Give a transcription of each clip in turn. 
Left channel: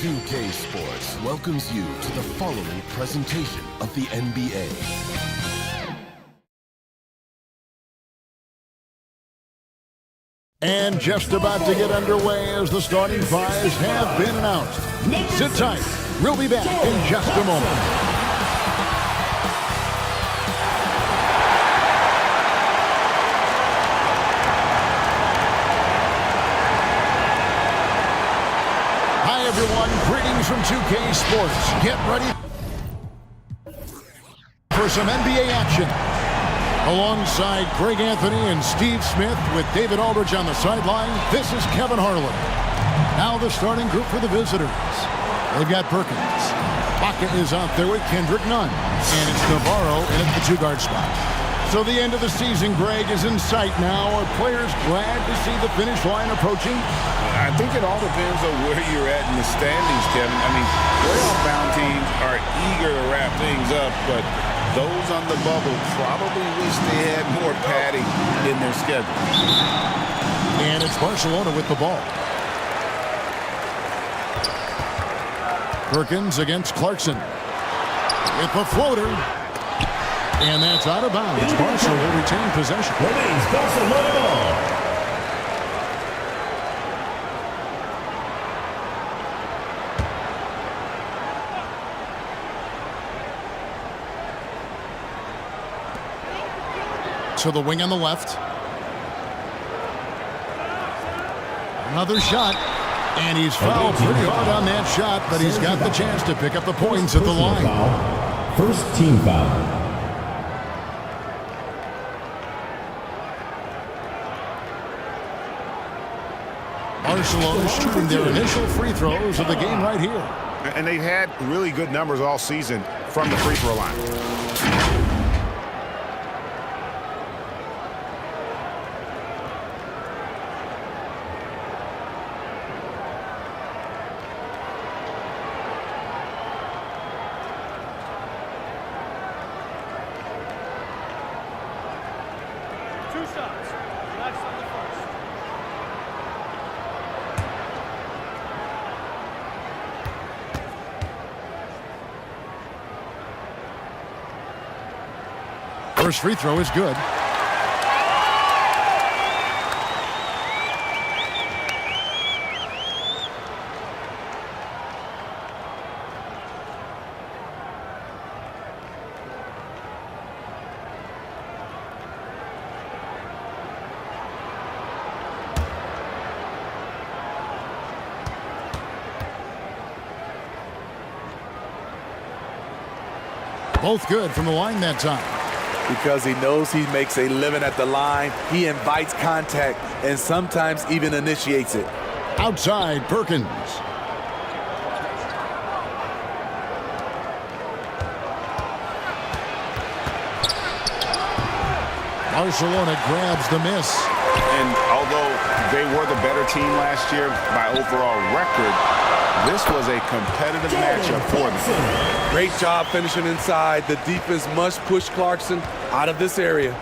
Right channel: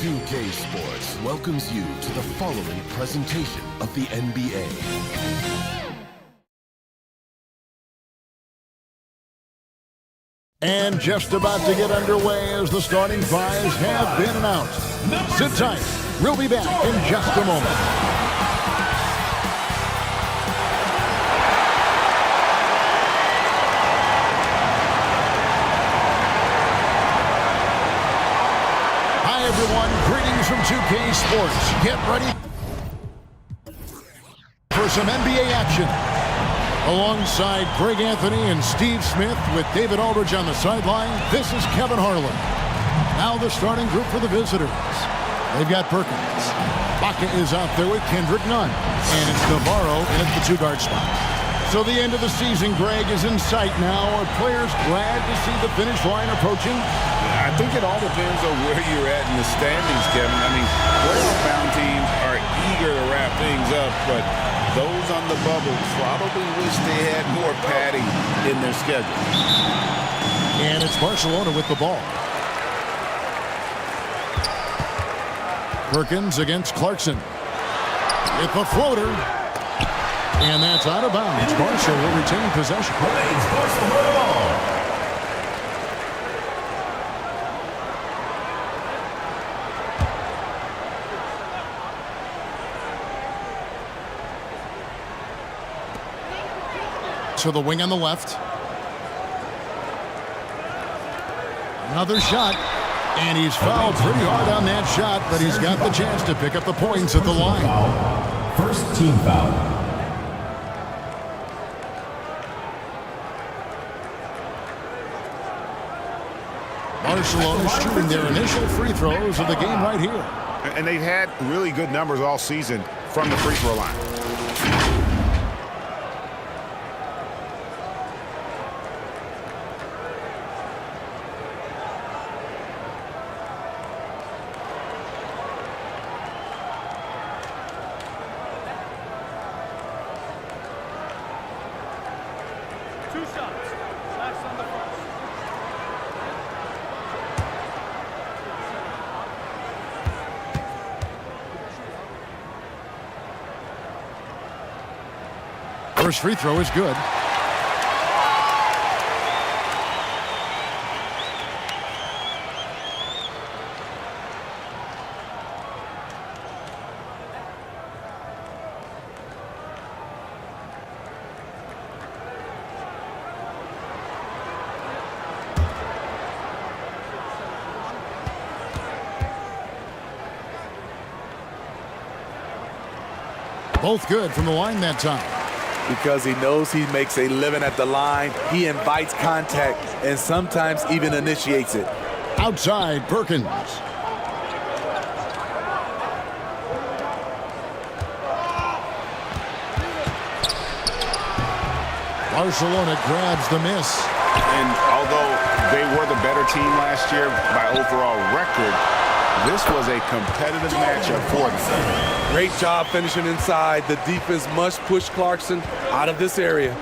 2K Sports welcomes you to the following presentation of the NBA. And just about to get underway as the starting fives have been announced. Sit tight. We'll be back in just a moment. Hi, everyone. Greetings from 2K Sports. Get ready for some NBA action. Alongside Greg Anthony and Steve Smith with David Aldridge on the sideline, this is Kevin Harlan. Now the starting group for the visitors. They've got Perkins. Baca is out there with Kendrick Nunn. And it's Navarro in at the two-guard spot. So the end of the season, Greg, is in sight now. Are players glad to see the finish line approaching? I think it all depends on where you're at in the standings, Kevin. I mean, playoff-bound teams are eager to wrap things up, but those on the bubble probably wish they had more padding in their schedule. And it's Barcelona with the ball. Perkins against Clarkson. With the floater. And that's out of bounds. Barca will retain possession. Remains Barcelona ball. To the wing on the left. Another shot. And he's fouled pretty hard on that shot, but he's got the chance to pick up the points at the line. First team foul. Barcelona shooting their initial free throws of the game right here. And they've had really good numbers all season from the free throw line. Two shots. Relax on the first. First free throw is good. Both good from the line that time. Because he knows he makes a living at the line, he invites contact and sometimes even initiates it. Outside, Perkins. Barcelona grabs the miss. And although they were the better team last year by overall record, this was a competitive matchup for them. Great job finishing inside. The defense must push Clarkson out of this area.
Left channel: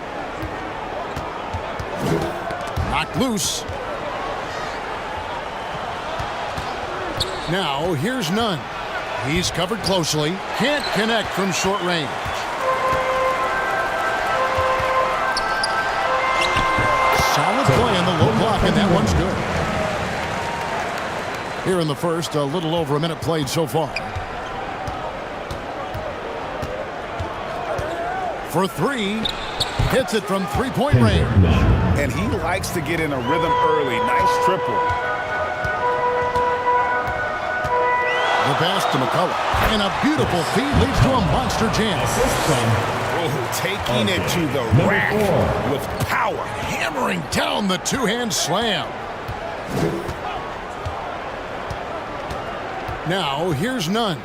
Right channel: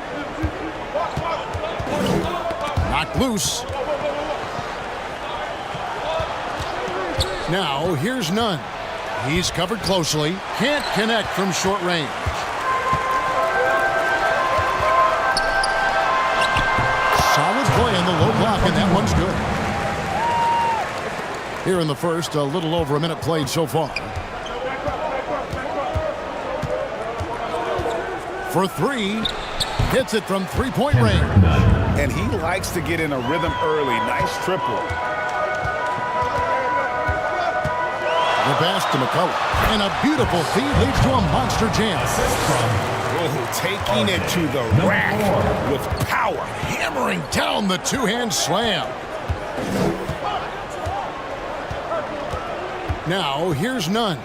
Knocked loose. Now here's Nunn. He's covered closely. Can't connect from short range. Solid play in the low block, and that one's good. Here in the first, a little over a minute played so far. For three, hits it from three-point range. And he likes to get in a rhythm early. Nice triple. The pass to McCullough. And a beautiful feed leads to a monster jam. Oh, taking it to the rack with power. Hammering down the two-hand slam. Now, here's Nunn.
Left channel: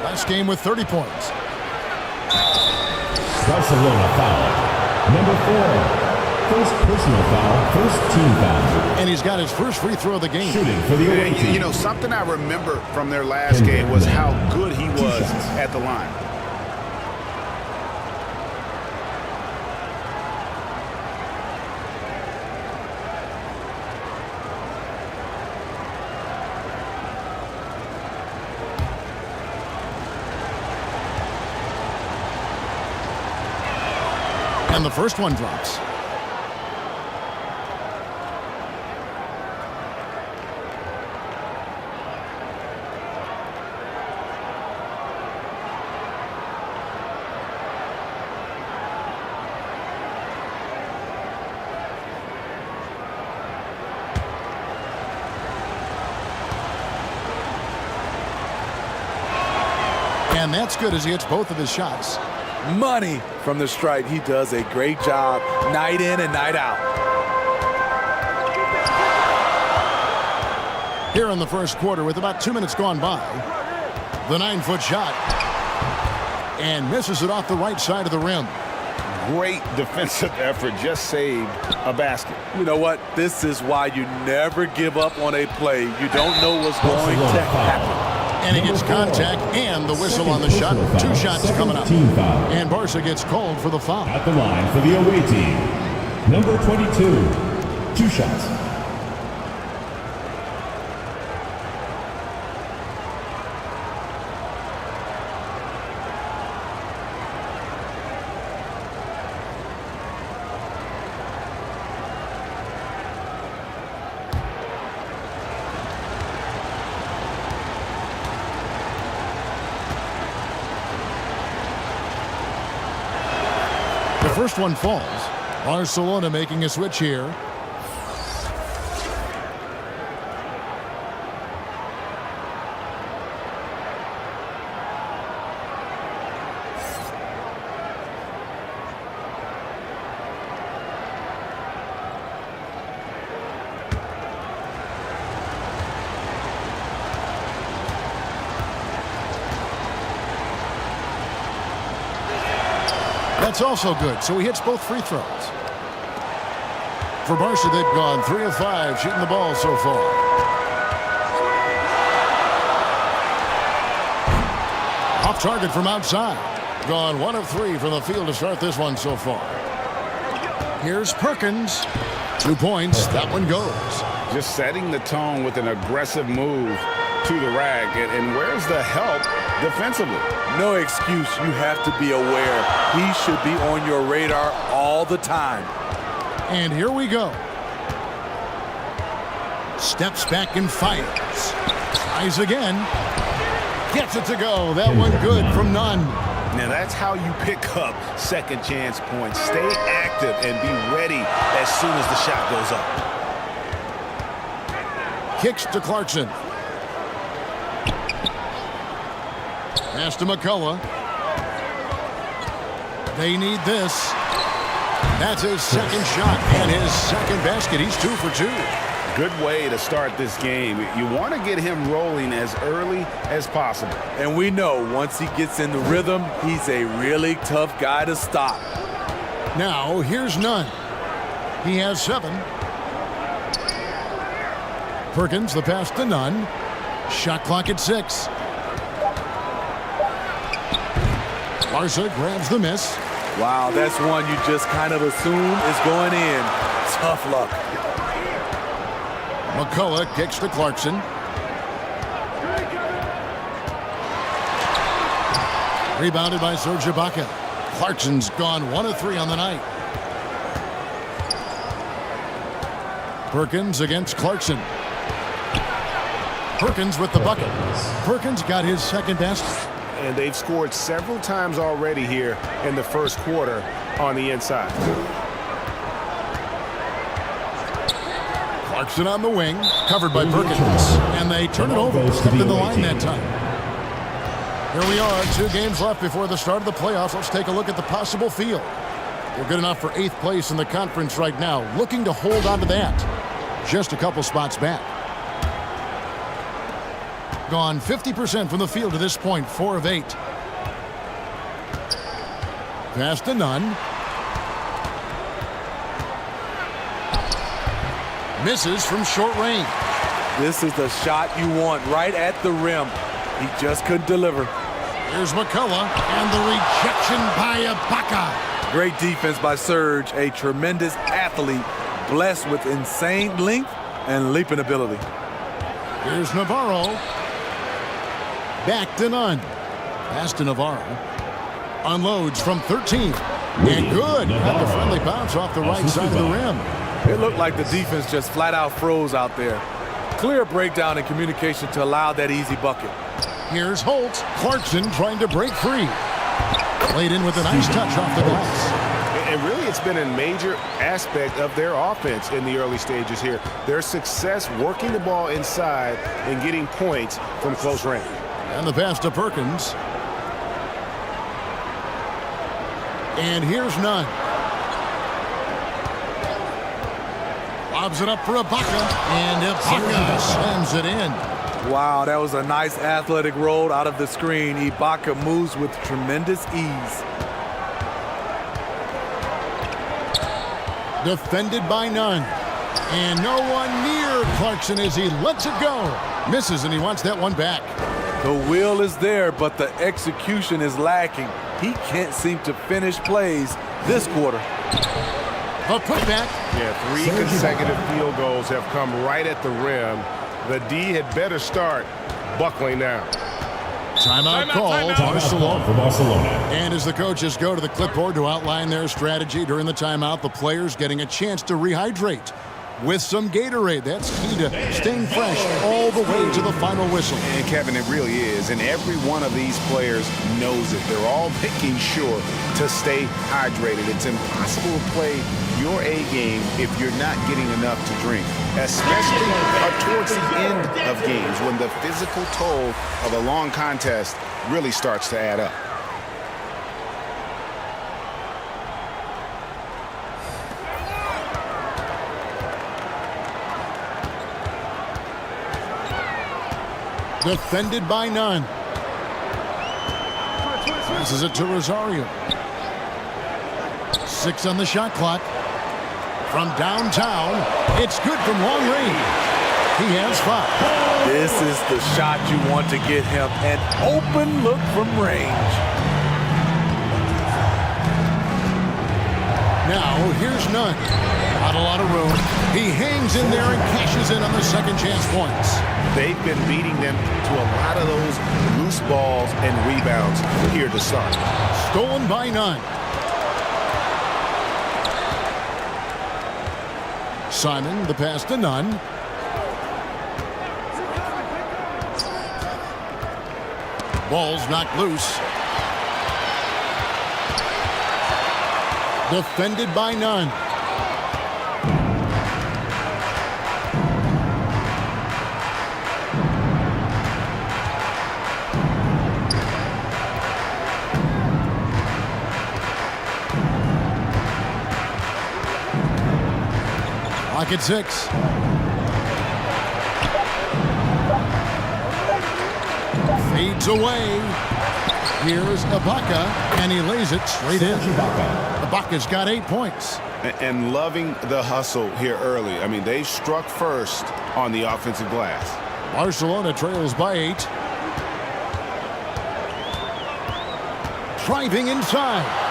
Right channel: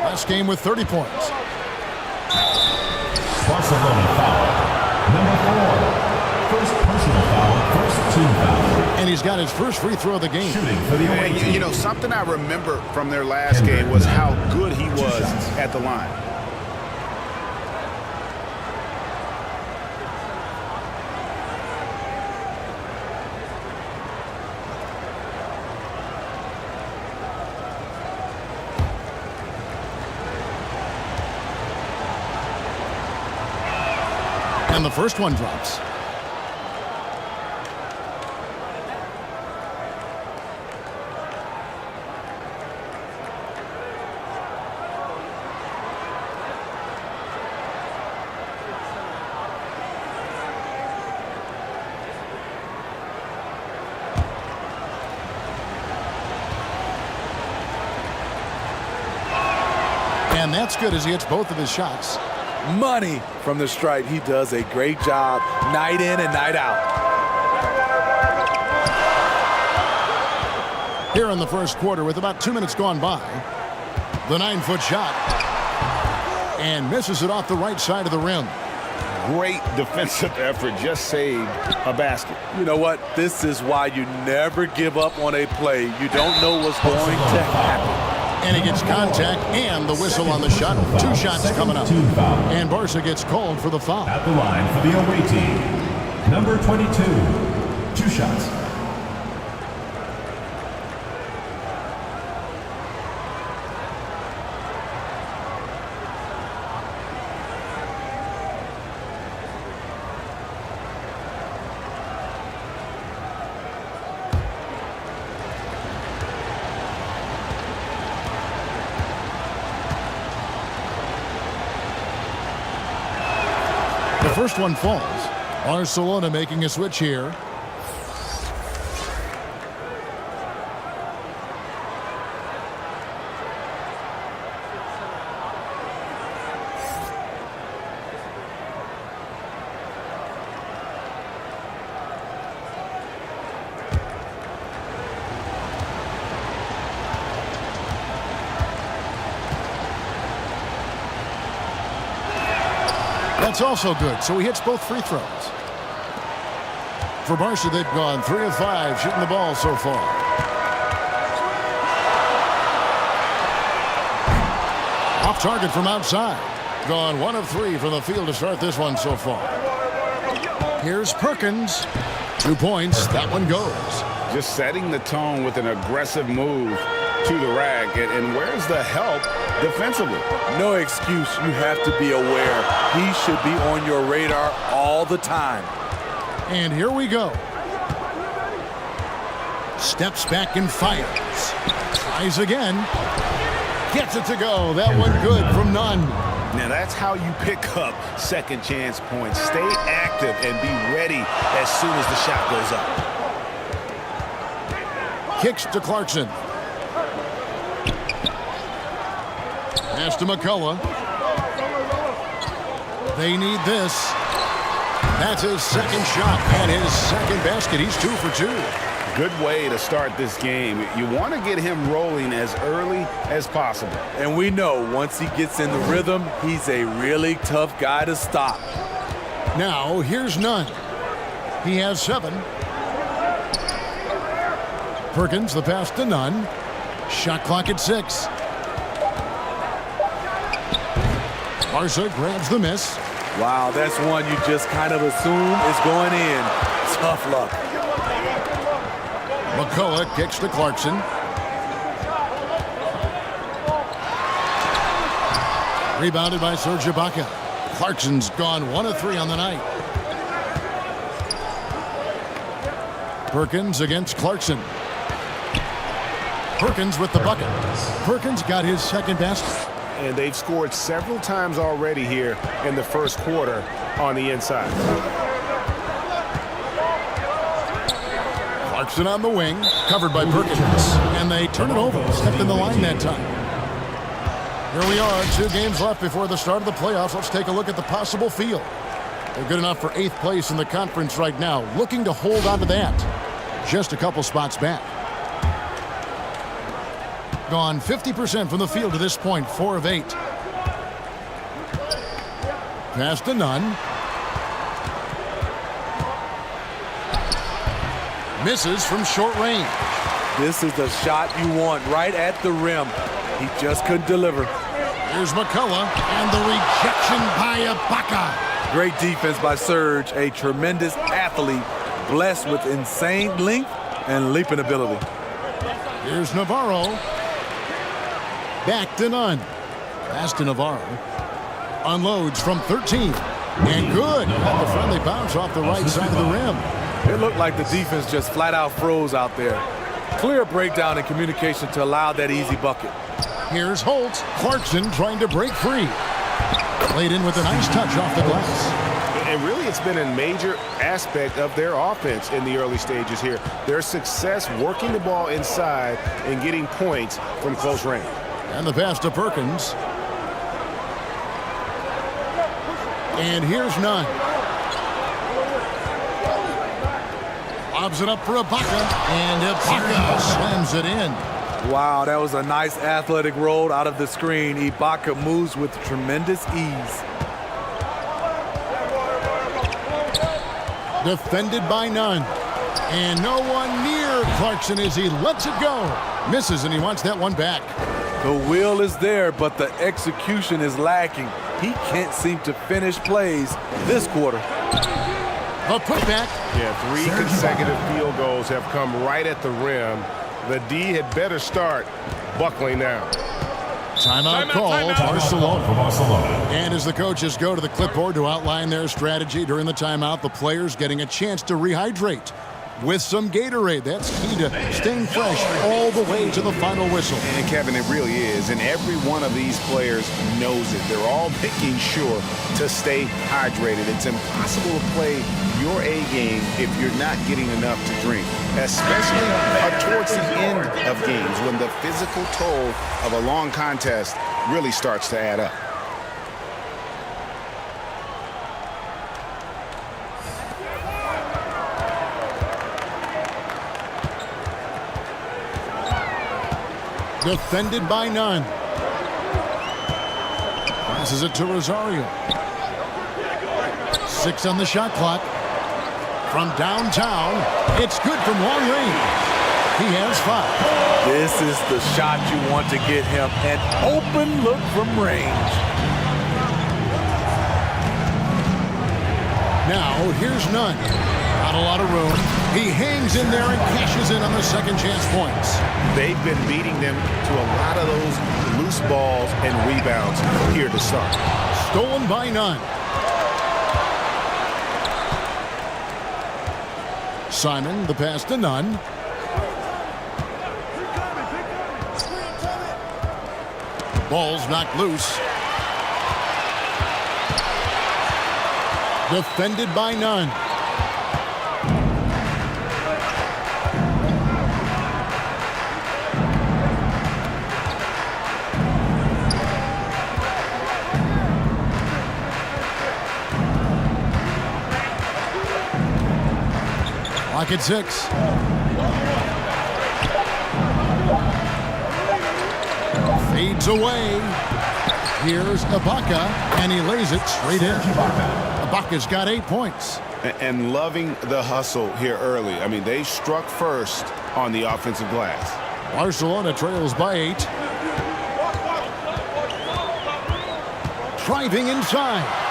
Last game with 30 points. Barcelona foul. Number 4. First personal foul, first team foul. And he's got his first free throw of the game. Shooting for the away team. You know, something I remember from their last game was how good he was at the line. And the first one drops. And that's good as he hits both of his shots. Money from the stripe. He does a great job night in and night out. Here in the first quarter with about 2 minutes gone by. The 9-foot shot. And misses it off the right side of the rim. Great defensive effort. Just saved a basket. You know what? This is why you never give up on a play. You don't know what's going to happen. And he gets contact and the whistle on the shot. 2 shots coming up. And Barca gets called for the foul. At the line for the away team, number 22, 2 shots. The first one falls. Barcelona making a switch here. That's also good, so he hits both free throws. For Barca, they've gone 3 of 5 shooting the ball so far. Off target from outside. Gone 1 of 3 from the field to start this one so far. Here's Perkins. 2 points. That one goes. Just setting the tone with an aggressive move to the rack. And where's the help defensively? No excuse. You have to be aware. He should be on your radar all the time. And here we go. Steps back and fires. Tries again. Gets it to go. That one good from none. Now that's how you pick up second chance points. Stay active and be ready as soon as the shot goes up. Kicks to Clarkson. Pass to McCullough. They need this. That's his second shot and his second basket. He's 2 for 2. Good way to start this game. You want to get him rolling as early as possible. And we know once he gets in the rhythm, he's a really tough guy to stop. Now, here's Nunn. He has 7. Perkins, the pass to Nunn. Shot clock at 6. Barca grabs the miss. Wow, that's one you just kind of assume is going in. Tough luck. McCullough kicks to Clarkson. Rebounded by Serge Ibaka. Clarkson's gone 1 of 3 on the night. Perkins against Clarkson. Perkins with the bucket. Perkins got his second basket. And they've scored several times already here in the first quarter on the inside. Clarkson on the wing, covered by Perkins. And they turn it over. Stepped in the line that time. Here we are, 2 games left before the start of the playoffs. Let's take a look at the possible field. They're good enough for 8th place in the conference right now, looking to hold on to that. Just a couple spots back. Gone 50% from the field to this point, 4 of 8. Pass to Nunn. Misses from short range. This is the shot you want right at the rim. He just couldn't deliver. Here's McCullough and the rejection by Ibaka. Great defense by Serge, a tremendous athlete, blessed with insane length and leaping ability. Here's Navarro. Back to Nunn. Pass to Navarro. Unloads from 13. And good. Got the friendly bounce off the right side of the rim. It looked like the defense just flat out froze out there. Clear breakdown in communication to allow that easy bucket. Here's Holt. Clarkson trying to break free. Played in with a nice touch off the glass. And really, it's been a major aspect of their offense in the early stages here. Their success working the ball inside and getting points from close range. And the pass to Perkins. And here's Nunn. Lobs it up for Ibaka. And Ibaka slams it in. Wow, that was a nice athletic roll out of the screen. Ibaka moves with tremendous ease. Defended by Nunn. And no one near Clarkson as he lets it go. Misses, and he wants that one back. The will is there, but the execution is lacking. He can't seem to finish plays this quarter. The putback. Yeah, 3 consecutive field goals have come right at the rim. The D had better start buckling now. Timeout call, Barcelona. For Barcelona. And as the coaches go to the clipboard to outline their strategy during the timeout, the players getting a chance to rehydrate with some Gatorade. That's key to staying fresh all the way to the final whistle. And Kevin, it really is. And every one of these players knows it. They're all making sure to stay hydrated. It's impossible to play your A game if you're not getting enough to drink, especially towards the end of games when the physical toll of a long contest really starts to add up. Defended by Nunn. Passes it to Rosario. 6 on the shot clock. From downtown, it's good from long range. He has 5. This is the shot you want to get him. An open look from range. Now, here's Nunn. Not a lot of room. He hangs in there and cashes in on the second chance points. They've been beating them to a lot of those loose balls and rebounds here to start. Stolen by Nunn. Simon, the pass to Nunn. Ball's knocked loose. Defended by Nunn. Clock at 6. Fades away. Here's Ibaka, and he lays it straight in. Ibaka's got 8 points. And loving the hustle here early. I mean, they struck first on the offensive glass. Barcelona trails by 8. Driving inside.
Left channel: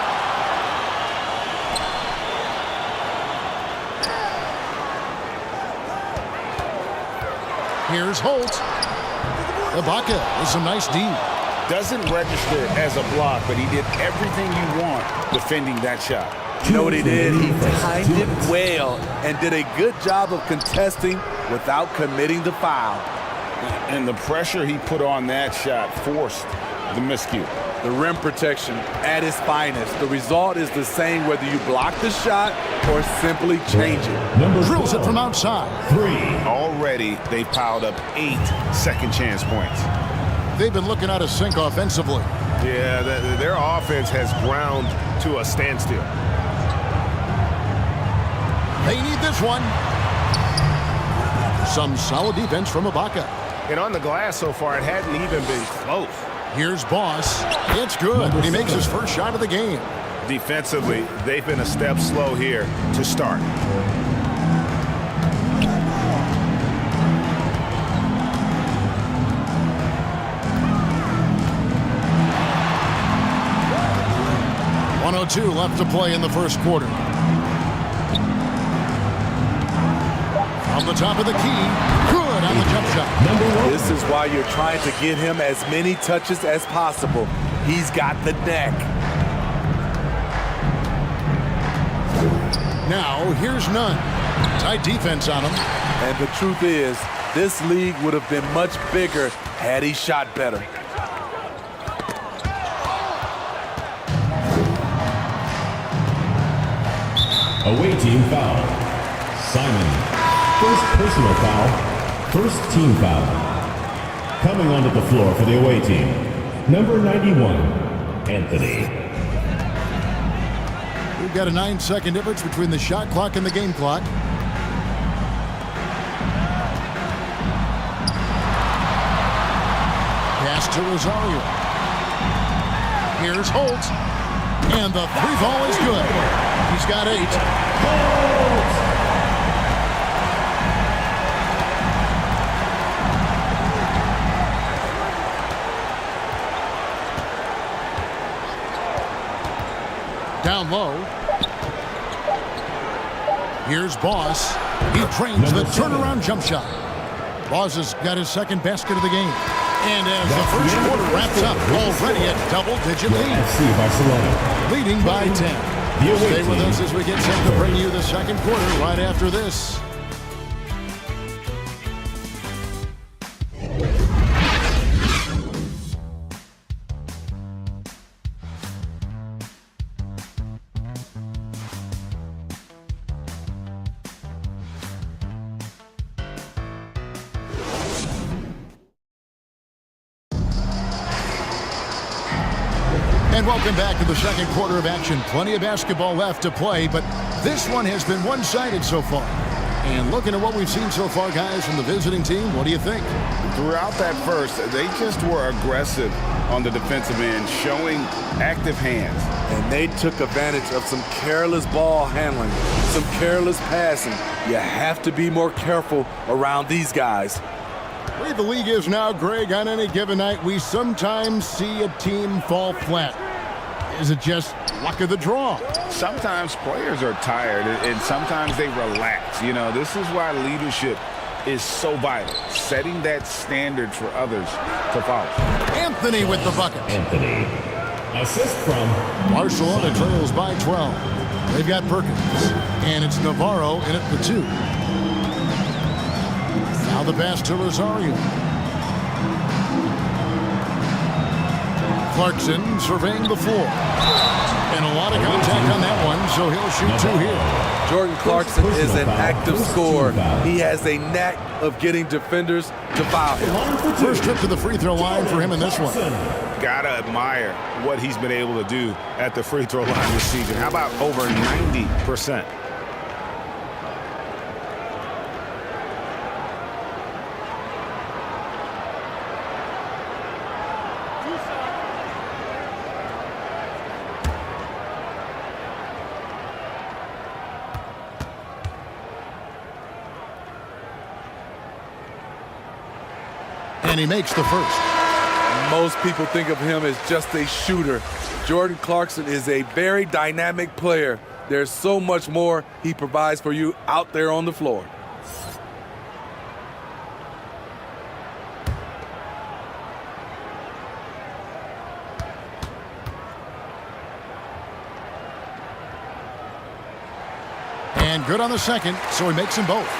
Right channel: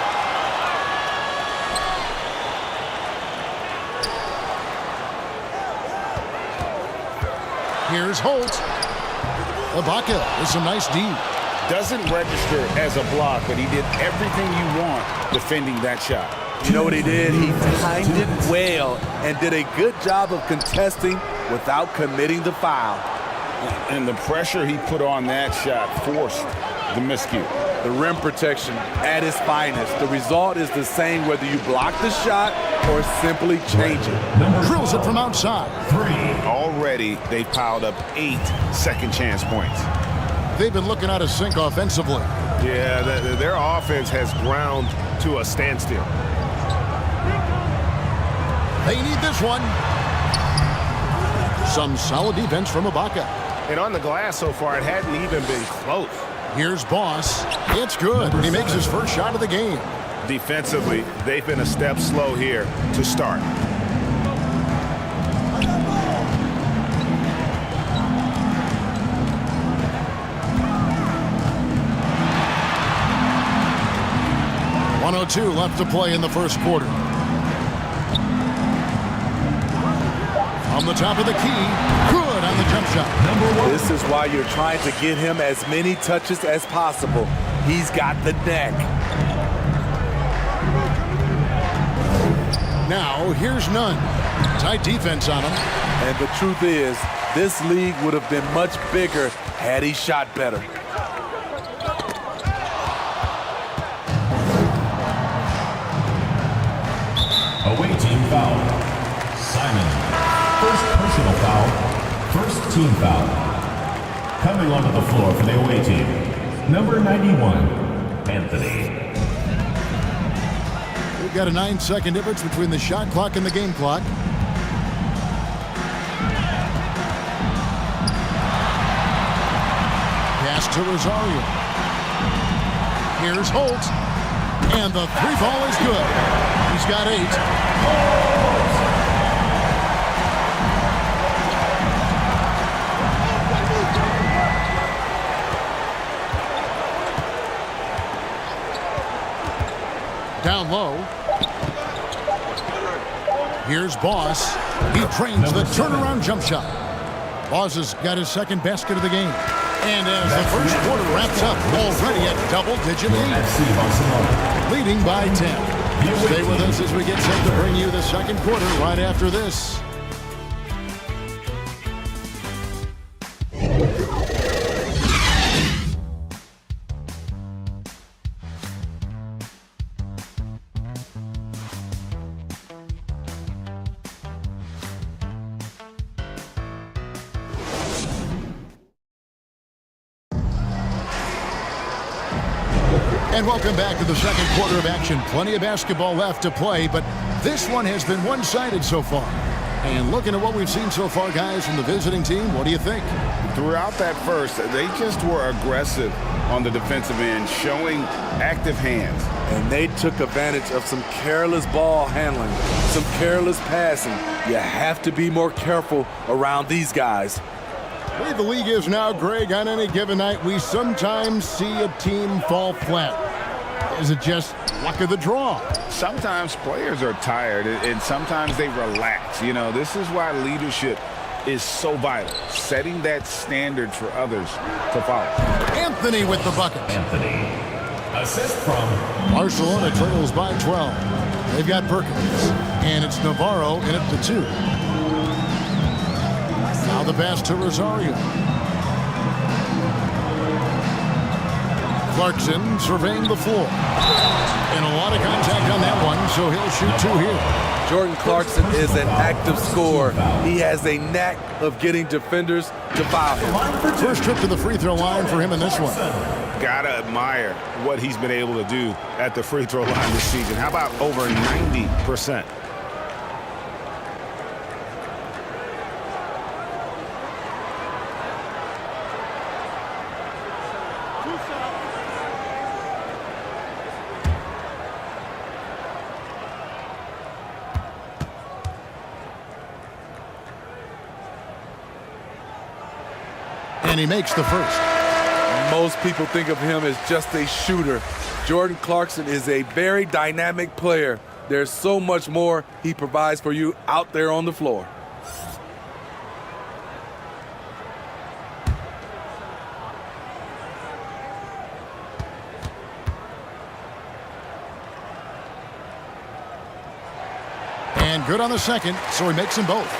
Here's Holt. Ibaka with some nice D. Doesn't register as a block, but he did everything you want defending that shot. You know what he did? He timed it well and did a good job of contesting without committing the foul. And the pressure he put on that shot forced the miscue. The rim protection at its finest. The result is the same whether you block the shot or simply change it. Drills it from outside. 3. Already, they've piled up 8 second chance points. They've been looking out of sync offensively. Yeah, their offense has ground to a standstill. They need this one. Some solid defense from Ibaka. And on the glass so far, it hadn't even been close. Here's Boss. It's good. He makes his first shot of the game. Defensively, they've been a step slow here to start. .102 left to play in the first quarter. On the top of the key, good on the jump shot. This is why you're trying to get him as many touches as possible. He's got the neck. Now, here's none. Tight defense on him. And the truth is, this league would have been much bigger had he shot better. Away team foul. Simon. First personal foul. First team foul. Coming onto the floor for the away team. Number 91, Anthony. We've got a 9-second difference between the shot clock and the game clock. Pass to Rosario. Here's Holt. And the three ball is good. He's got 8. Down low. Here's Boss. He trains the turnaround jump shot. Boss has got his second basket of the game. And as the first quarter wraps up, already a double-digit lead. FC Barcelona. Leading by 10. Stay with us as we get set to bring you the second quarter right after this. And welcome back to the second quarter of action. Plenty of basketball left to play, but this one has been one-sided so far. And looking at what we've seen so far, guys, from the visiting team, what do you think? Throughout that first, they just were aggressive on the defensive end, showing active hands. And they took advantage of some careless ball handling, some careless passing. You have to be more careful around these guys. The way the league is now, Greg, on any given night, we sometimes see a team fall flat. Is it just luck of the draw? Sometimes players are tired, and sometimes they relax. You know, this is why leadership is so vital, setting that standard for others to follow. Anthony with the bucket. Anthony. Assist from Barcelona trails by 12. They've got Perkins, and it's Navarro in at the 2. Now the pass to Rosario. Clarkson surveying the floor. And a lot of contact on that one, so he'll shoot 2 here. Jordan Clarkson is an active scorer. He has a knack of getting defenders to foul him. First trip to the free throw line for him in this one. Gotta admire what he's been able to do at the free throw line this season. How about over 90%? And he makes the first. Most people think of him as just a shooter. Jordan Clarkson is a very dynamic player. There's so much more he provides for you out there on the floor. And good on the second, so he makes them both.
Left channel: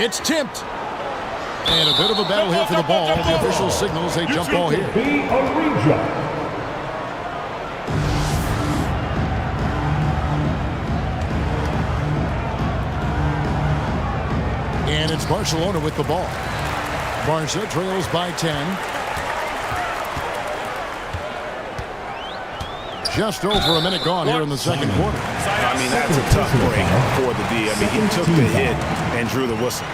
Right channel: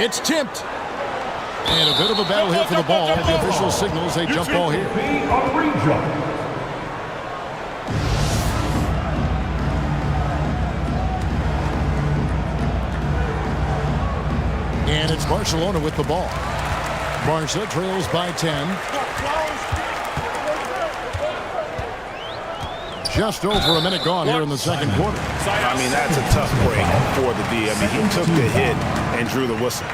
It's tipped. And a bit of a battle here for the ball. The official signals a jump ball here. Be a re-jump. And it's Barcelona with the ball. Barca trails by 10. Just over a minute gone here in the second quarter. I mean, that's a tough break for the D. I mean, he took the hit and drew the whistle.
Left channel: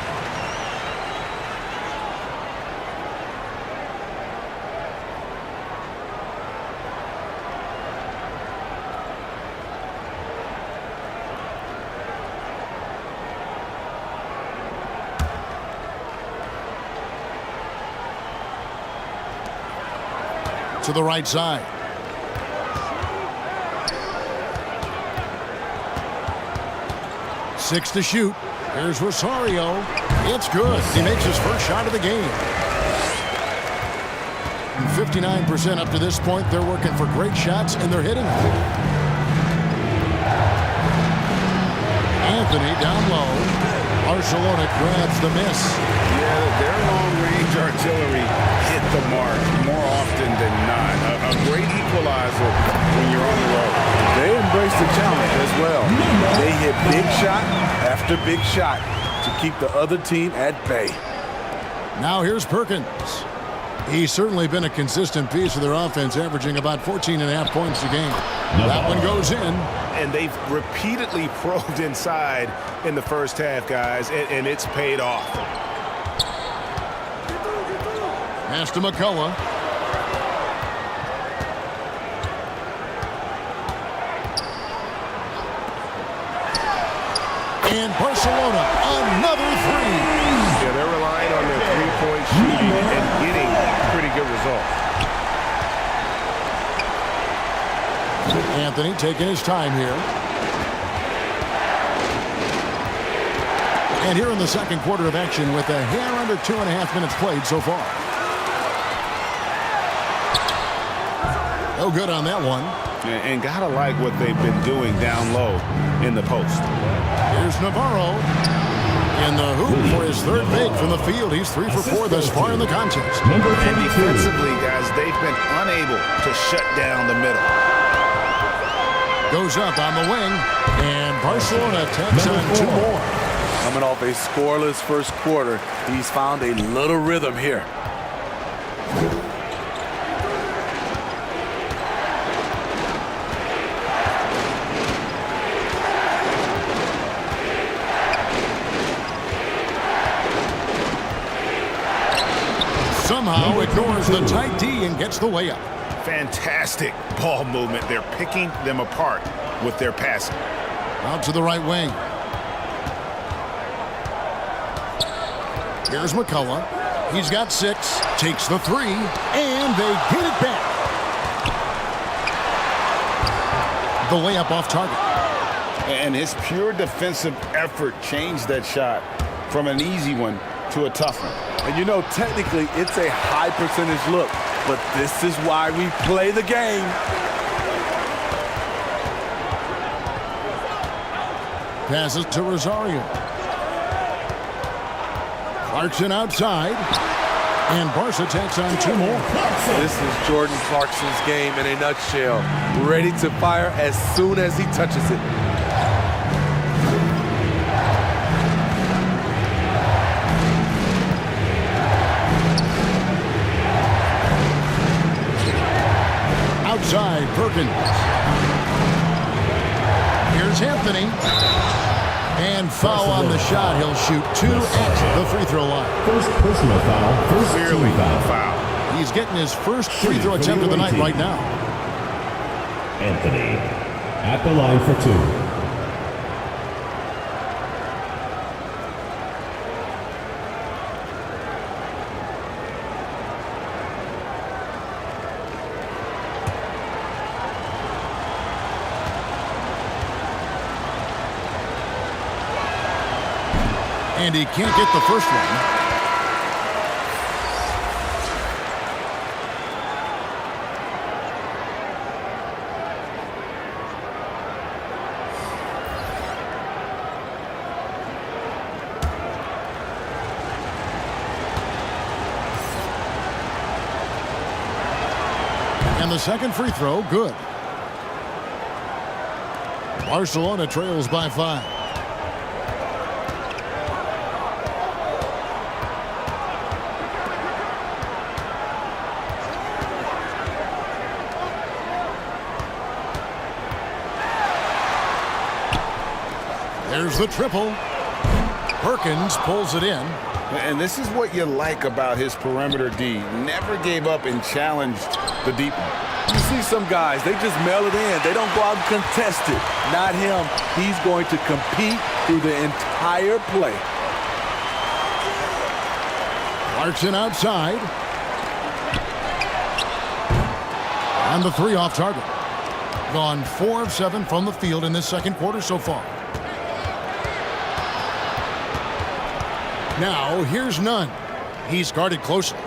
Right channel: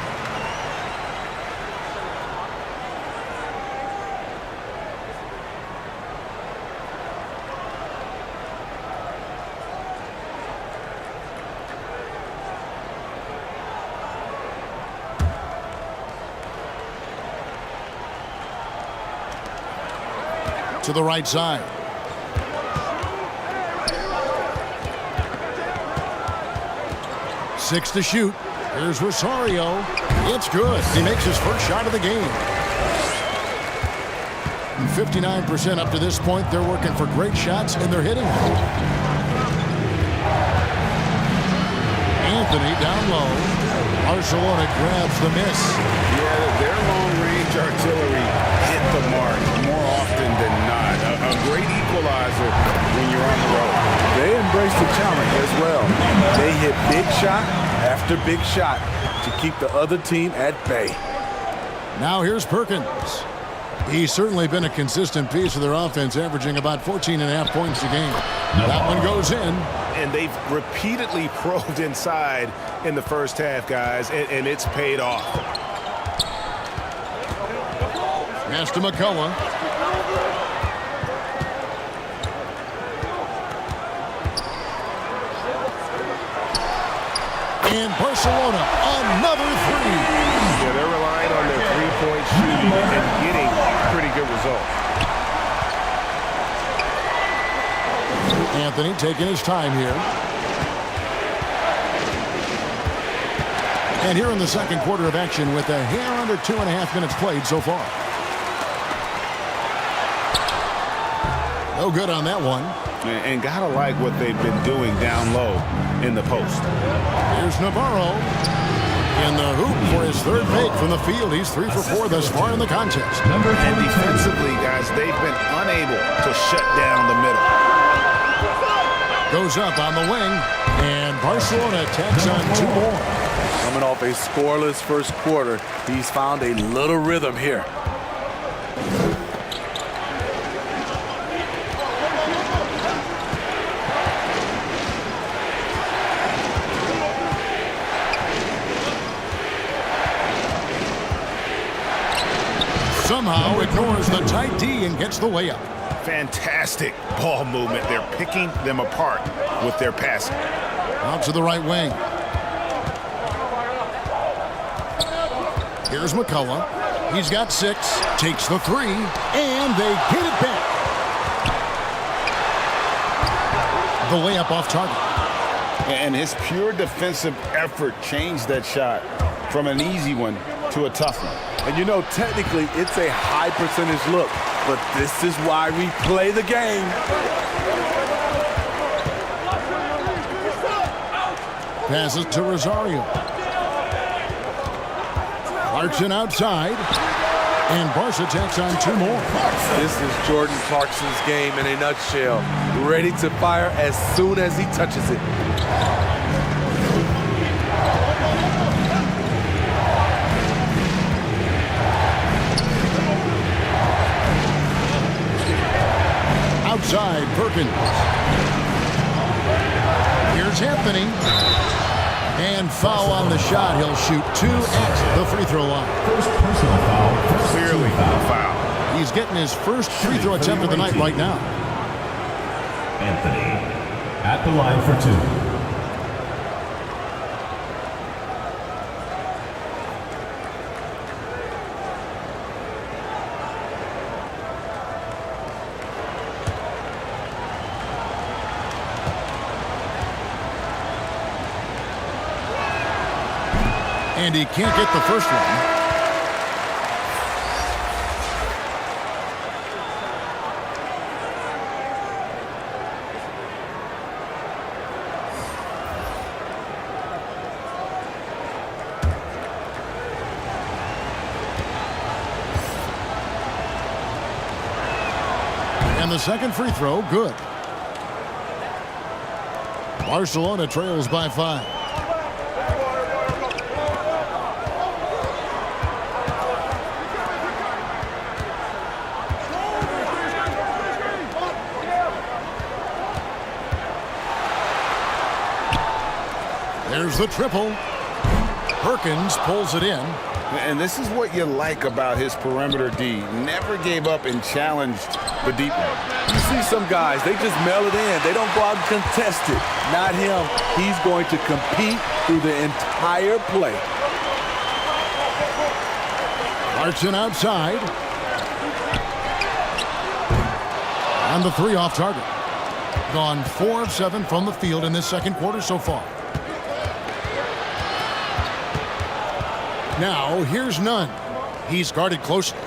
To the right side. 6 to shoot. Here's Rosario. It's good. He makes his first shot of the game. 59% up to this point. They're working for great shots, and they're hitting them. Anthony down low. Barcelona grabs the miss. Yeah, their long-range artillery hit the mark more often than not. A great equalizer when you're on the road. They embrace the challenge as well. They hit big shot after big shot to keep the other team at bay. Now here's Perkins. He's certainly been a consistent piece of their offense, averaging about 14.5 points a game. That one goes in. And they've repeatedly probed inside in the first half, guys, and it's paid off. Pass to McCullough. And Barcelona, another three. Yeah, they're relying on their three-point shooting and getting pretty good results. Anthony taking his time here. And here in the second quarter of action with a hair under 2.5 minutes played so far. No good on that one. And gotta like what they've been doing down low in the post. Here's Navarro in the hoop for his third make from the field. He's 3 for 4 thus far in the contest. And defensively, guys, they've been unable to shut down the middle. Goes up on the wing, and Barcelona tacks on 2 more. Coming off a scoreless first quarter, he's found a little rhythm here. Somehow ignores the tight D and gets the layup. Fantastic ball movement. They're picking them apart with their passing. Out to the right wing. Here's McCullough. He's got 6, takes the 3, and they get it back. The layup off target. And his pure defensive effort changed that shot from an easy one to a tough one. And you know, technically, it's a high percentage look, but this is why we play the game. Passes to Rosario. Clarkson outside, and Barca tacks on 2 more. This is Jordan Clarkson's game in a nutshell. Ready to fire as soon as he touches it. Outside, Perkins. Here's Anthony. And foul on the shot. He'll shoot 2 at the free throw line. First personal foul. First Clearly team foul. a foul. He's getting his first free throw attempt of the night right now. Anthony at the line for 2. And he can't get the first one. And the second free throw, good. Barcelona trails by 5. There's the triple. Perkins pulls it in. And this is what you like about his perimeter D. Never gave up and challenged the deep one. You see some guys, they just mail it in. They don't go out and contest it. Not him. He's going to compete through the entire play. Clarkson outside. And the 3 off target. Gone 4 of 7 from the field in this second quarter so far. Now, here's Nunn. He's guarded closely.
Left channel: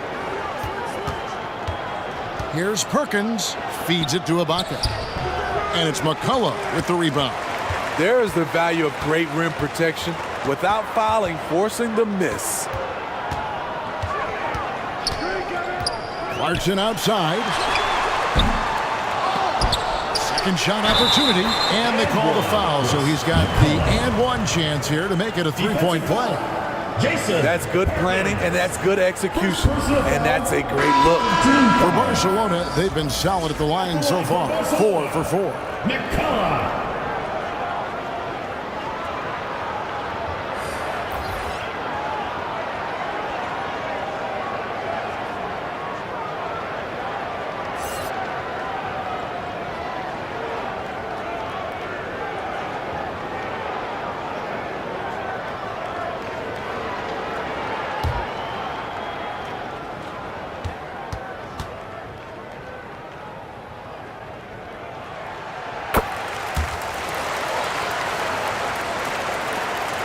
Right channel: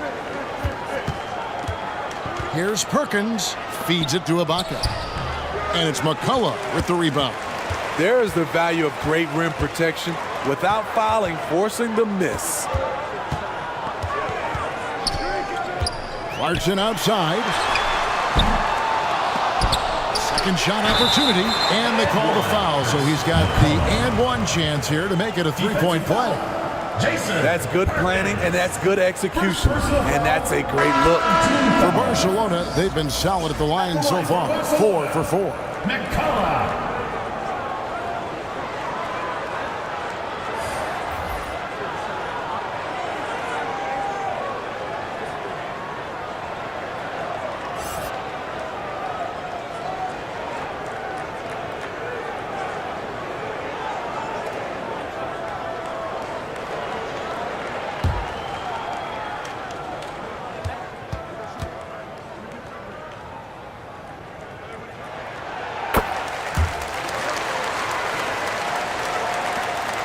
Here's Perkins. Feeds it to Ibaka. And it's McCullough with the rebound. There is the value of great rim protection without fouling, forcing the miss. Clarkson outside. Second shot opportunity, and they call the foul, so he's got the and one chance here to make it a three-point play. That's good planning, and that's good execution, and that's a great look. For Barcelona, they've been solid at the line so far, 4 for 4. McCullough.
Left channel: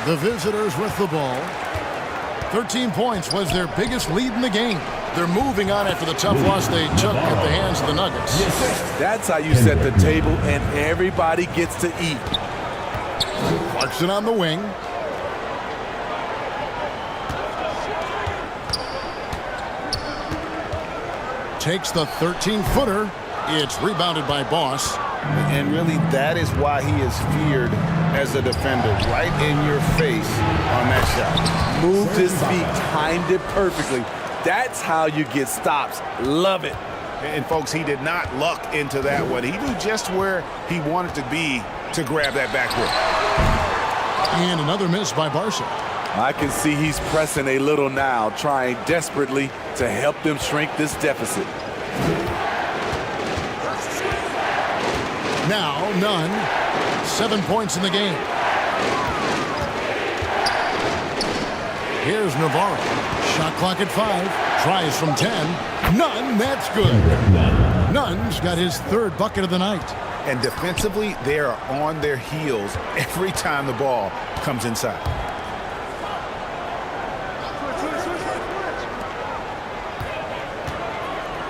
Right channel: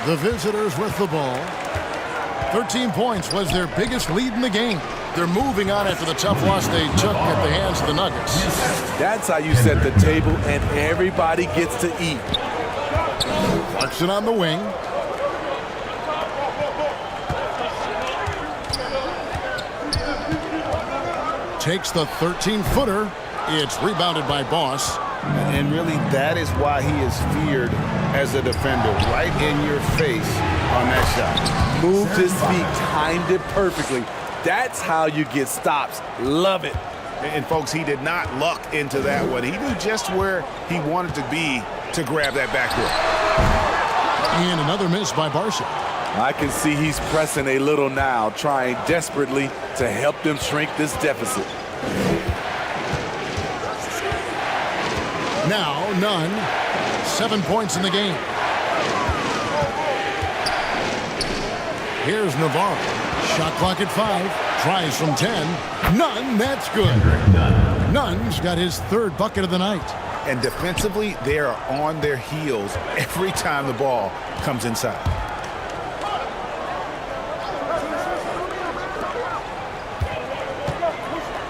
The visitors with the ball. 13 points was their biggest lead in the game. They're moving on after the tough loss they took at the hands of the Nuggets. That's how you set the table, and everybody gets to eat. Clarkson on the wing. Takes the 13-footer. It's rebounded by Boss. And really, that is why he is feared as a defender, right in your face on that shot. Moved his feet, timed it perfectly. That's how you get stops. Love it. And folks, he did not luck into that one. He knew just where he wanted to be to grab that backboard. And another miss by Barca. I can see he's pressing a little now, trying desperately to help them shrink this deficit. Now, Nunn. 7 points in the game. Here's Navarro. Shot clock at 5. Tries from 10. Nunn, that's good. Nunn's got his third bucket of the night. And defensively, they are on their heels every time the ball comes inside.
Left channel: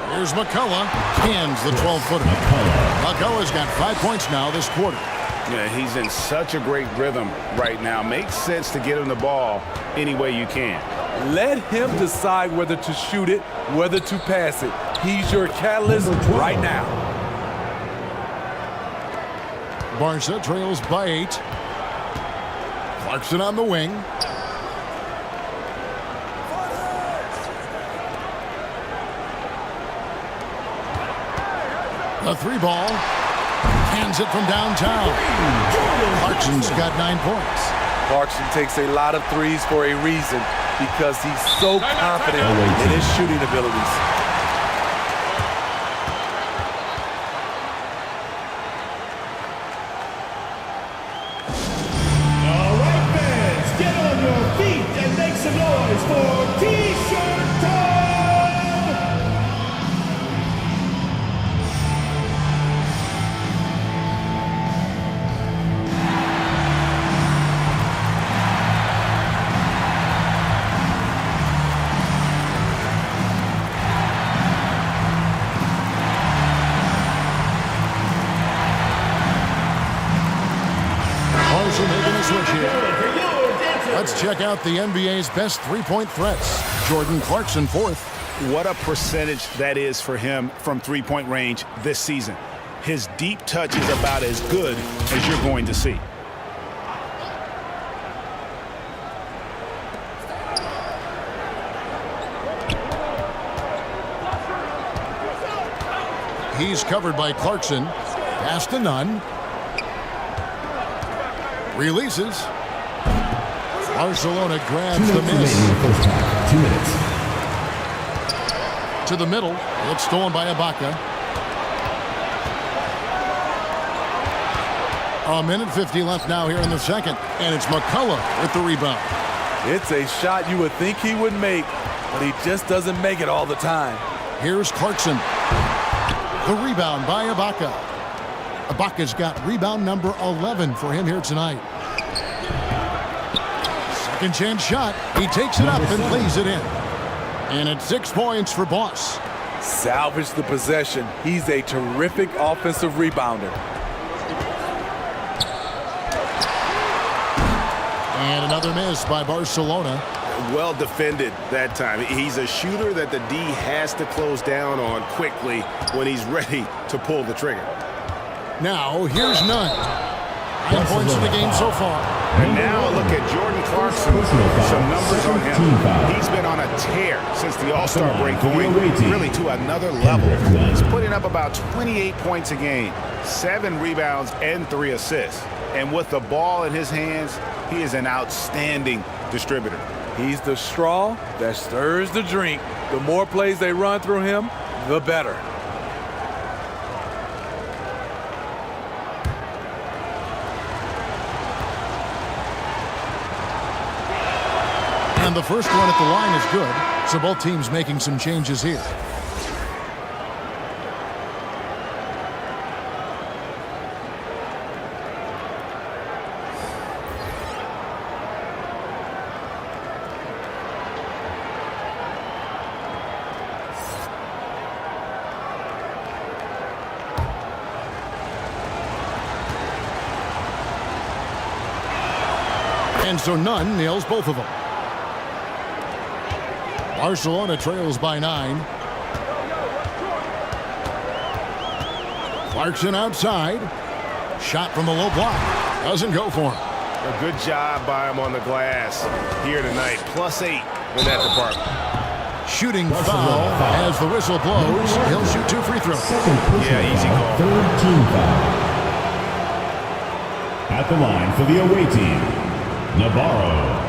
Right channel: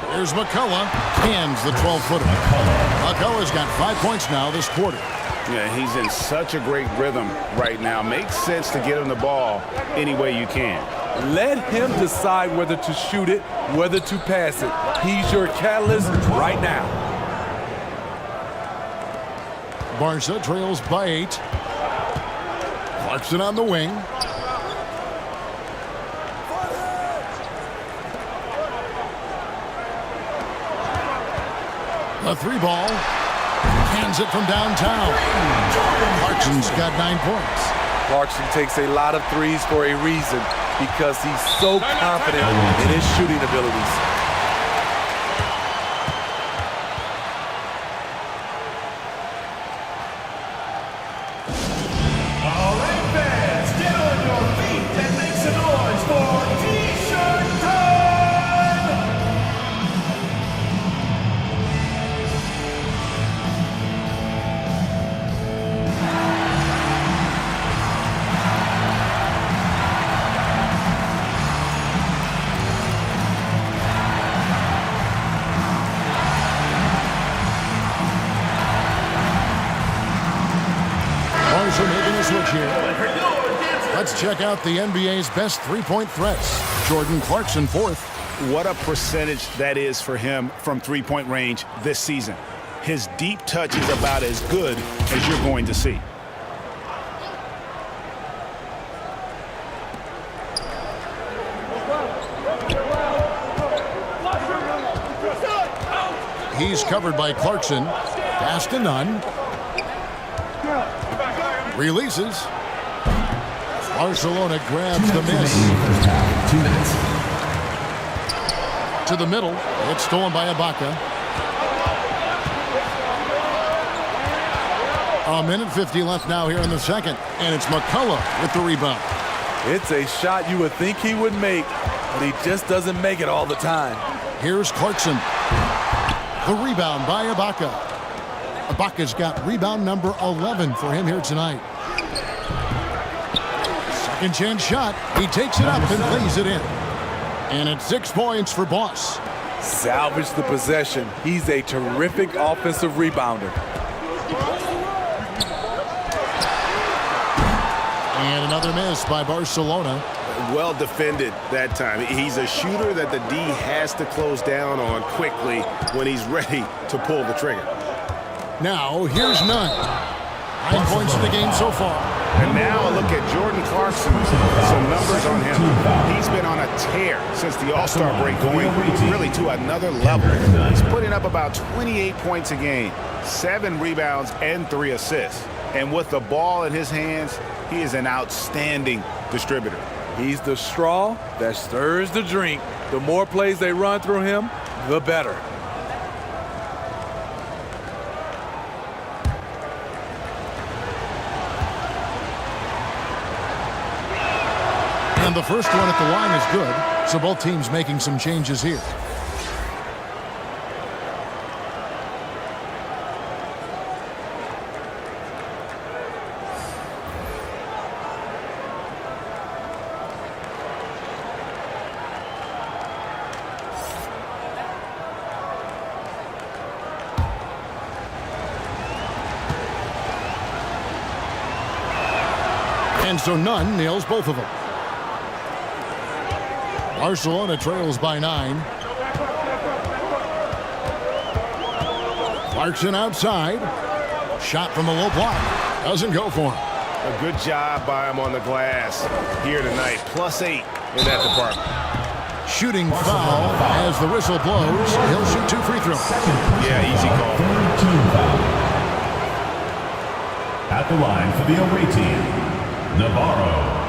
Here's McCullough. Cans the 12-footer. McCullough's got 5 points now this quarter. Yeah, he's in such a great rhythm right now. Makes sense to get him the ball any way you can. Let him decide whether to shoot it, whether to pass it. He's your catalyst right now. Barca trails by 8. Clarkson on the wing. The 3-ball. Cans it from downtown. Clarkson's got 9 points. Clarkson takes a lot of threes for a reason, because he's so confident in his shooting abilities. All right, fans, get on your feet and make some noise for T-shirt time! Barca making a switch here. Let's check out the NBA's best three-point threats. Jordan Clarkson, 4th. What a percentage that is for him from three-point range this season. His deep touch is about as good as you're going to see. He's covered by Clarkson. Pass to Nunn. Releases. Barcelona grabs the miss. First half, 2 minutes. To the middle. It's stolen by Ibaka. A minute 50 left now here in the second. And it's McCullough with the rebound. It's a shot you would think he would make, but he just doesn't make it all the time. Here's Clarkson. The rebound by Ibaka. Ibaka's got rebound number 11 for him here tonight. Second chance shot. He takes it up and lays it in. And it's 6 points for Boss. Salvage the possession. He's a terrific offensive rebounder. And another miss by Barcelona. Well defended that time. He's a shooter that the D has to close down on quickly when he's ready to pull the trigger. Now, here's Nunn. 9 points in the game so far. And now a look at Jordan Clarkson. Some numbers on him. He's been on a tear since the All-Star break, going really to another level. He's putting up about 28 points a game, 7 rebounds, and 3 assists. And with the ball in his hands, he is an outstanding distributor. He's the straw that stirs the drink. The more plays they run through him, the better. And the first one at the line is good, so both teams making some changes here. And so Nunn nails both of them. Barcelona trails by 9. Clarkson outside. Shot from the low block. Doesn't go for him. A good job by him on the glass here tonight. +8 in that department. Shooting foul as the whistle blows. He'll shoot 2 free throws. Yeah, easy call. Third team foul. At the line for the away team, Navarro.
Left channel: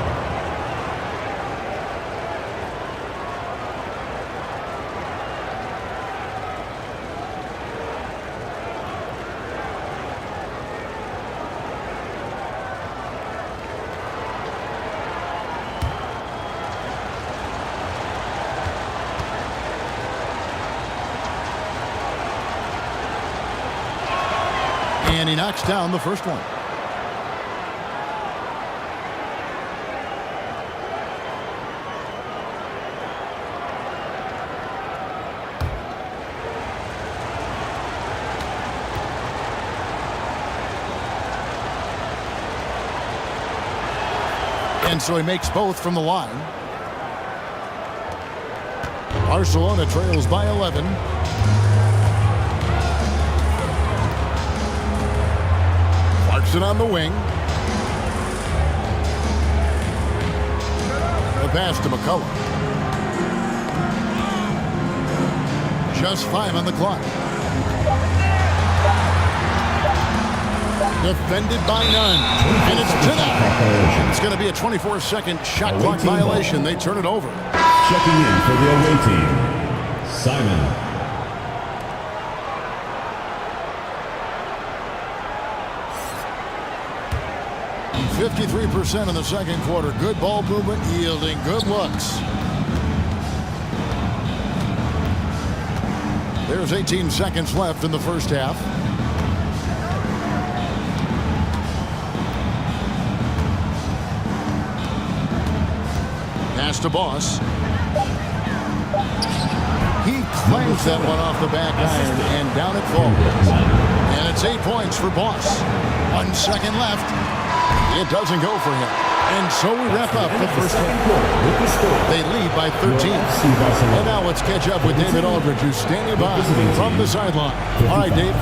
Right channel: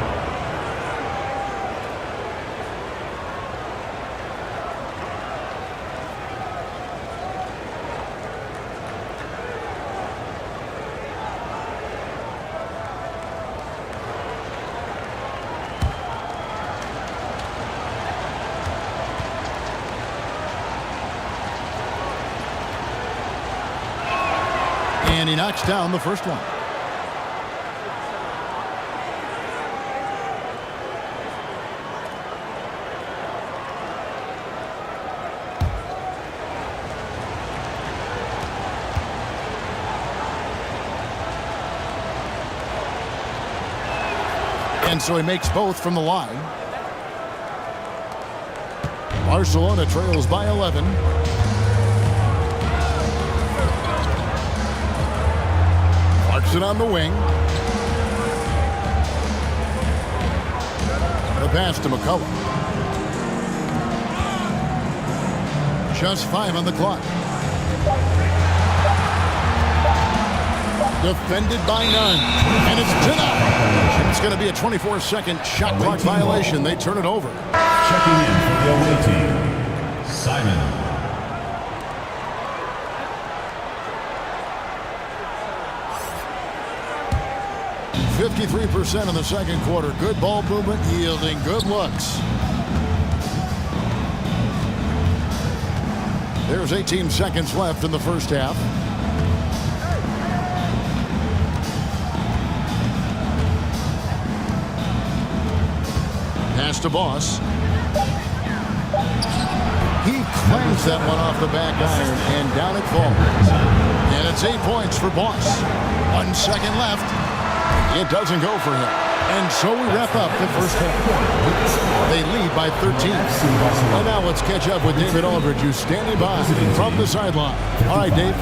And he knocks down the first one. And so he makes both from the line. Barcelona trails by 11. Clarkson on the wing. The pass to McCullough. Just 5 on the clock. Defended by Nunn. And it's denied. And it's going to be a 24-second shot clock violation. They turn it over. Checking in for the away team, Simon. .53% in the second quarter. Good ball movement, yielding good looks. There's 18 seconds left in the first half. Pass to Boss. He clanks that one off the back iron, and down it falls. And it's 8 points for Boss. 1 second left. It doesn't go for him. And so we wrap up the first half. They lead by 13. And now let's catch up with David Aldridge, who's standing by from the sideline. All right, Dave.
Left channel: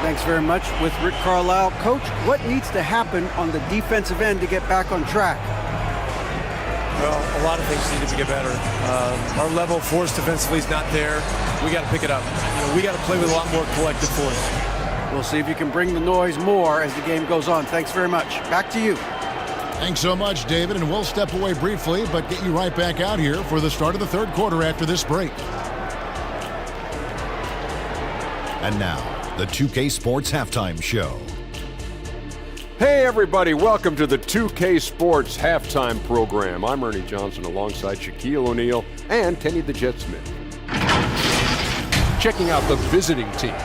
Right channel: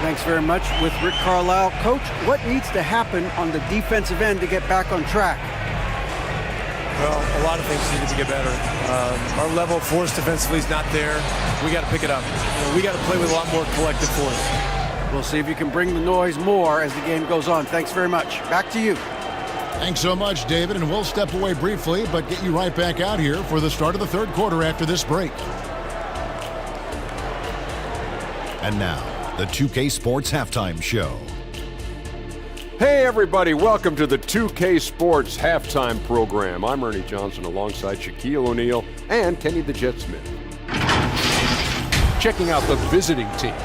Thanks very much. With Rick Carlisle. Coach, what needs to happen on the defensive end to get back on track? Well, a lot of things need to get better. Our level of force defensively is not there. We got to pick it up. We got to play with a lot more collective force. We'll see if you can bring the noise more as the game goes on. Thanks very much. Back to you. Thanks so much, David, and we'll step away briefly, but get you right back out here for the start of the third quarter after this break. And now, the 2K Sports Halftime Show. Hey everybody, welcome to the 2K Sports Halftime Program. I'm Ernie Johnson alongside Shaquille O'Neal and Kenny the Jet Smith. Checking out the visiting team.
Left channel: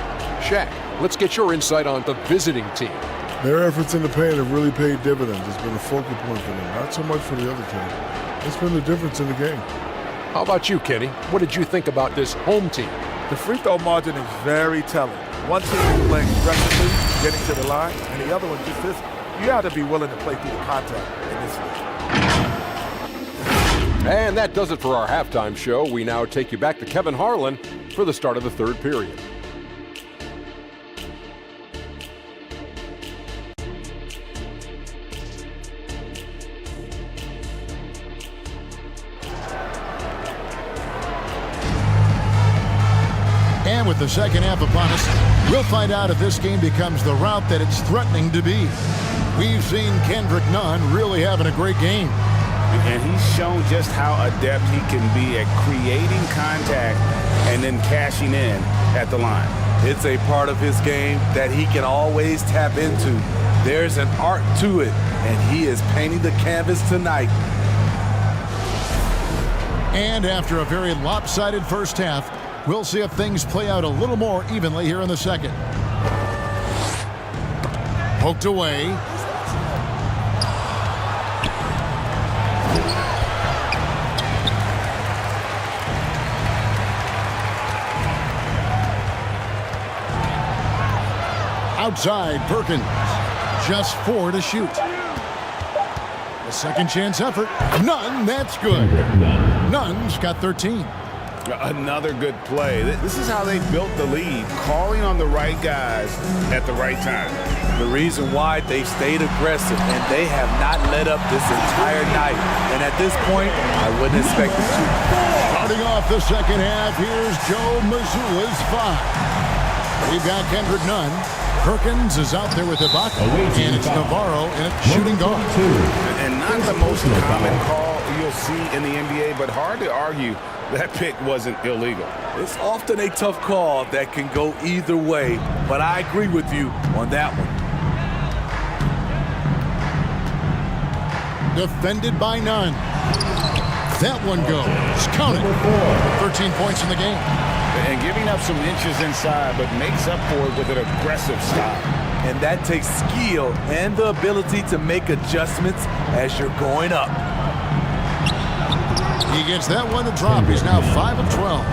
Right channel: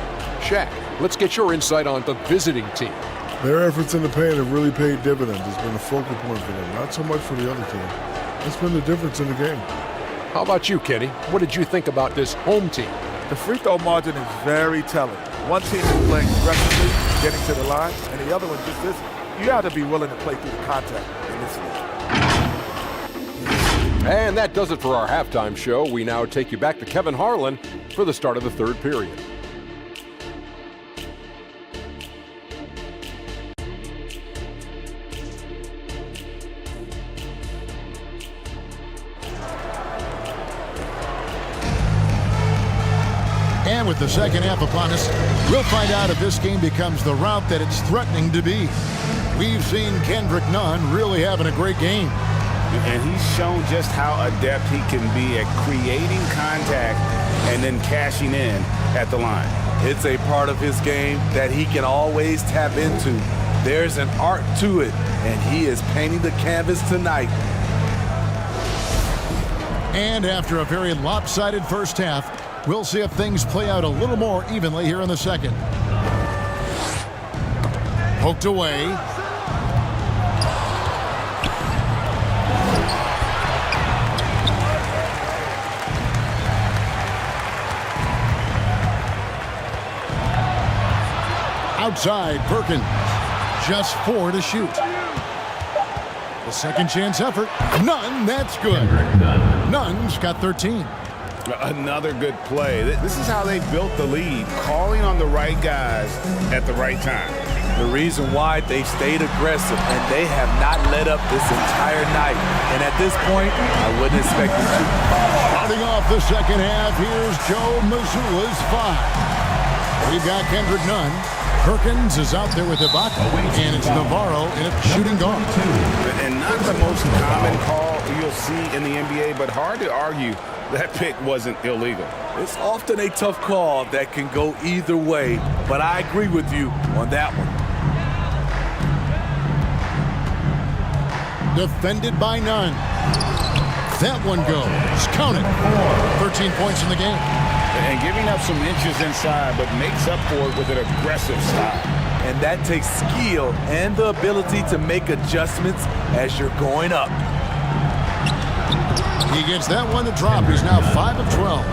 Shaq, let's get your insight on the visiting team. Their efforts in the paint have really paid dividends. It's been a focal point for them, not so much for the other team. It's been the difference in the game. How about you, Kenny? What did you think about this home team? The free throw margin is very telling. One team is playing aggressively, getting to the line, and the other one just this. You have to be willing to play through the contact in this league. And that does it for our halftime show. We now take you back to Kevin Harlan for the start of the third period. And with the second half upon us, we'll find out if this game becomes the route that it's threatening to be. We've seen Kendrick Nunn really having a great game. And he's shown just how adept he can be at creating contact and then cashing in at the line. It's a part of his game that he can always tap into. There's an art to it, and he is painting the canvas tonight. And after a very lopsided first half, we'll see if things play out a little more evenly here in the second. Poked away. Outside, Perkins. Just 4 to shoot. The second chance effort. Nunn, that's good. Nunn's got 13. Another good play. This is how they built the lead, calling on the right guys at the right time. The reason why they've stayed aggressive, and they have not let up this entire night. And at this point, I wouldn't expect them to. Starting off the second half, here's Joe Mazzulla's 5. We've got Kendrick Nunn. Perkins is out there with Ibaka, and it's Navarro in a shooting guard. And not the most common call you'll see in the NBA, but hard to argue that pick wasn't illegal. It's often a tough call that can go either way, but I agree with you on that one. Defended by Nunn. That one goes. Count it. 13 points in the game. And giving up some inches inside, but makes up for it with an aggressive style. And that takes skill and the ability to make adjustments as you're going up. He gets that one to drop. He's now 5 of 12.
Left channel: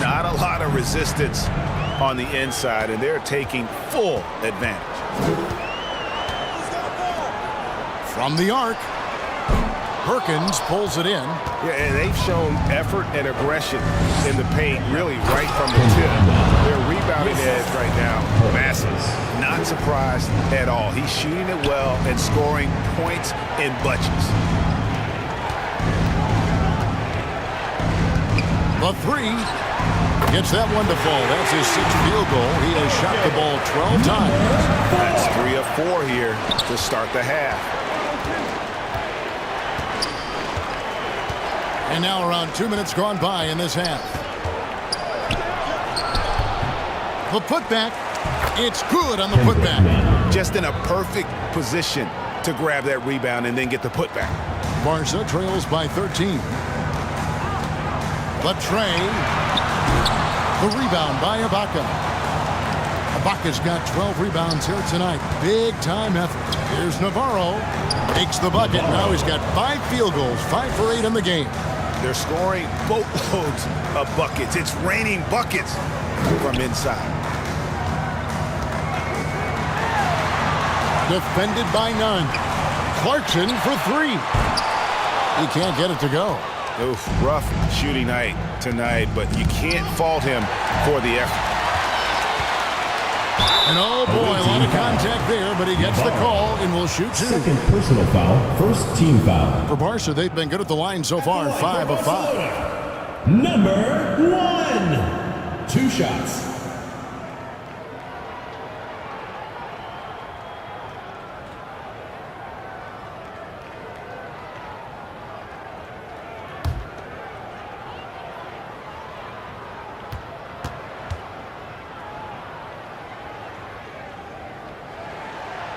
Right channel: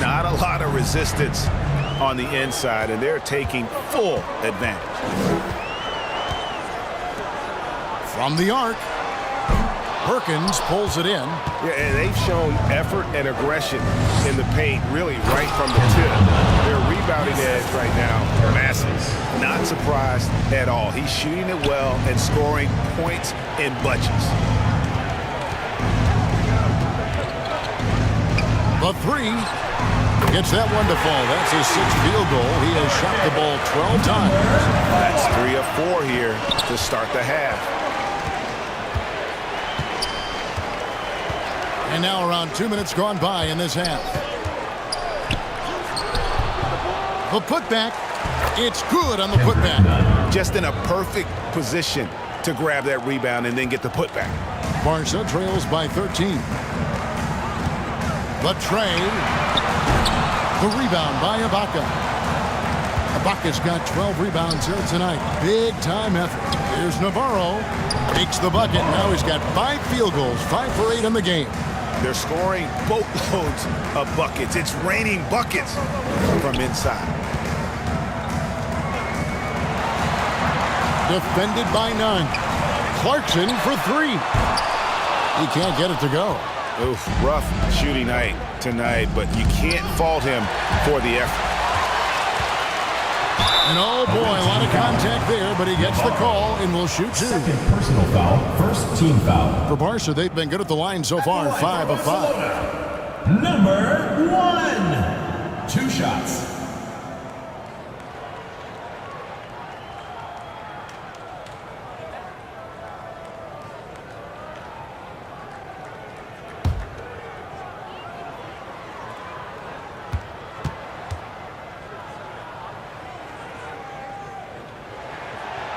Not a lot of resistance on the inside, and they're taking full advantage. From the arc, Perkins pulls it in. Yeah, and they've shown effort and aggression in the paint, really right from the tip. Their rebounding edge right now, massive. Not surprised at all. He's shooting it well and scoring points in bunches. The 3 gets that one to fall. That's his 6th field goal. He has shot the ball 12 times. That's 3 of 4 here to start the half. And now around 2 minutes gone by in this half. The putback. It's good on the putback. Just in a perfect position to grab that rebound and then get the putback. Barca trails by 13. The tray. The rebound by Ibaka. Ibaka's got 12 rebounds here tonight. Big time effort. Here's Navarro. Makes the bucket. Now he's got 5 field goals. 5 for 8 in the game. They're scoring boatloads of buckets. It's raining buckets from inside. Defended by Nunn. Clarkson for 3. He can't get it to go. Oof, rough shooting night tonight, but you can't fault him for the effort. And oh boy, a lot of contact there, but he gets the call and will shoot 2. Second personal foul, first team foul. For Barca, they've been good at the line so far, 5 of 5. Number 1. 2 shots.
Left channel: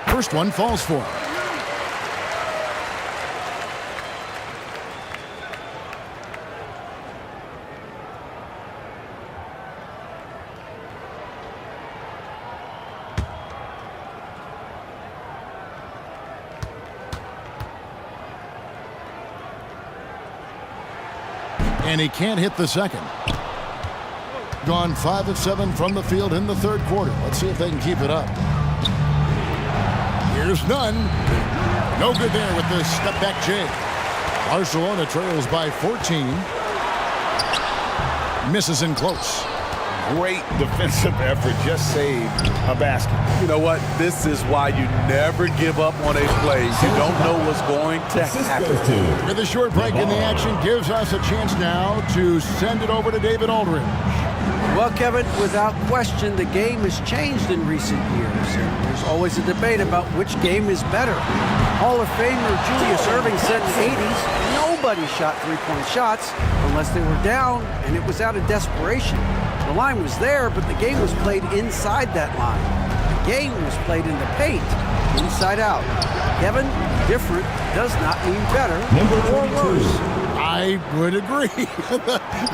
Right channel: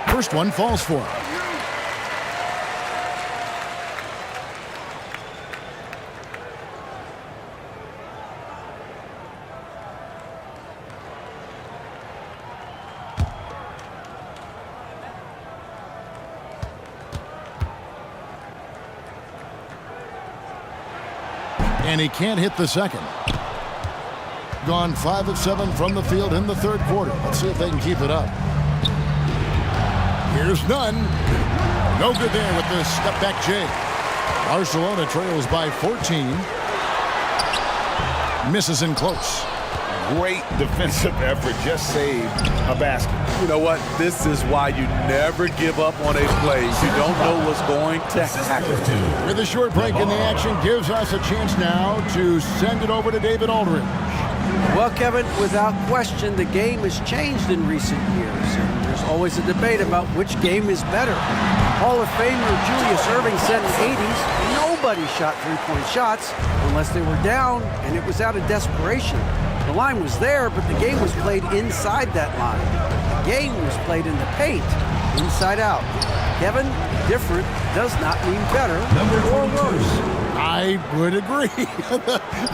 First one falls for. And he can't hit the second. Gone 5 of 7 from the field in the third quarter. Let's see if they can keep it up. Here's none. No good there with the step back J. Barcelona trails by 14. Misses in close. Great defensive effort. Just saved a basket. You know what? This is why you never give up on a play. You don't know what's going to happen. With a short break in the action, gives us a chance now to send it over to David Aldridge. Well, Kevin, without question, the game has changed in recent years, and there's always a debate about which game is better. Hall of Famer Julius Erving said in the 80s, nobody shot three-point shots unless they were down, and it was out of desperation. The line was there, but the game was played inside that line. The game was played in the paint, inside out. Kevin, different does not mean better or worse. I would agree.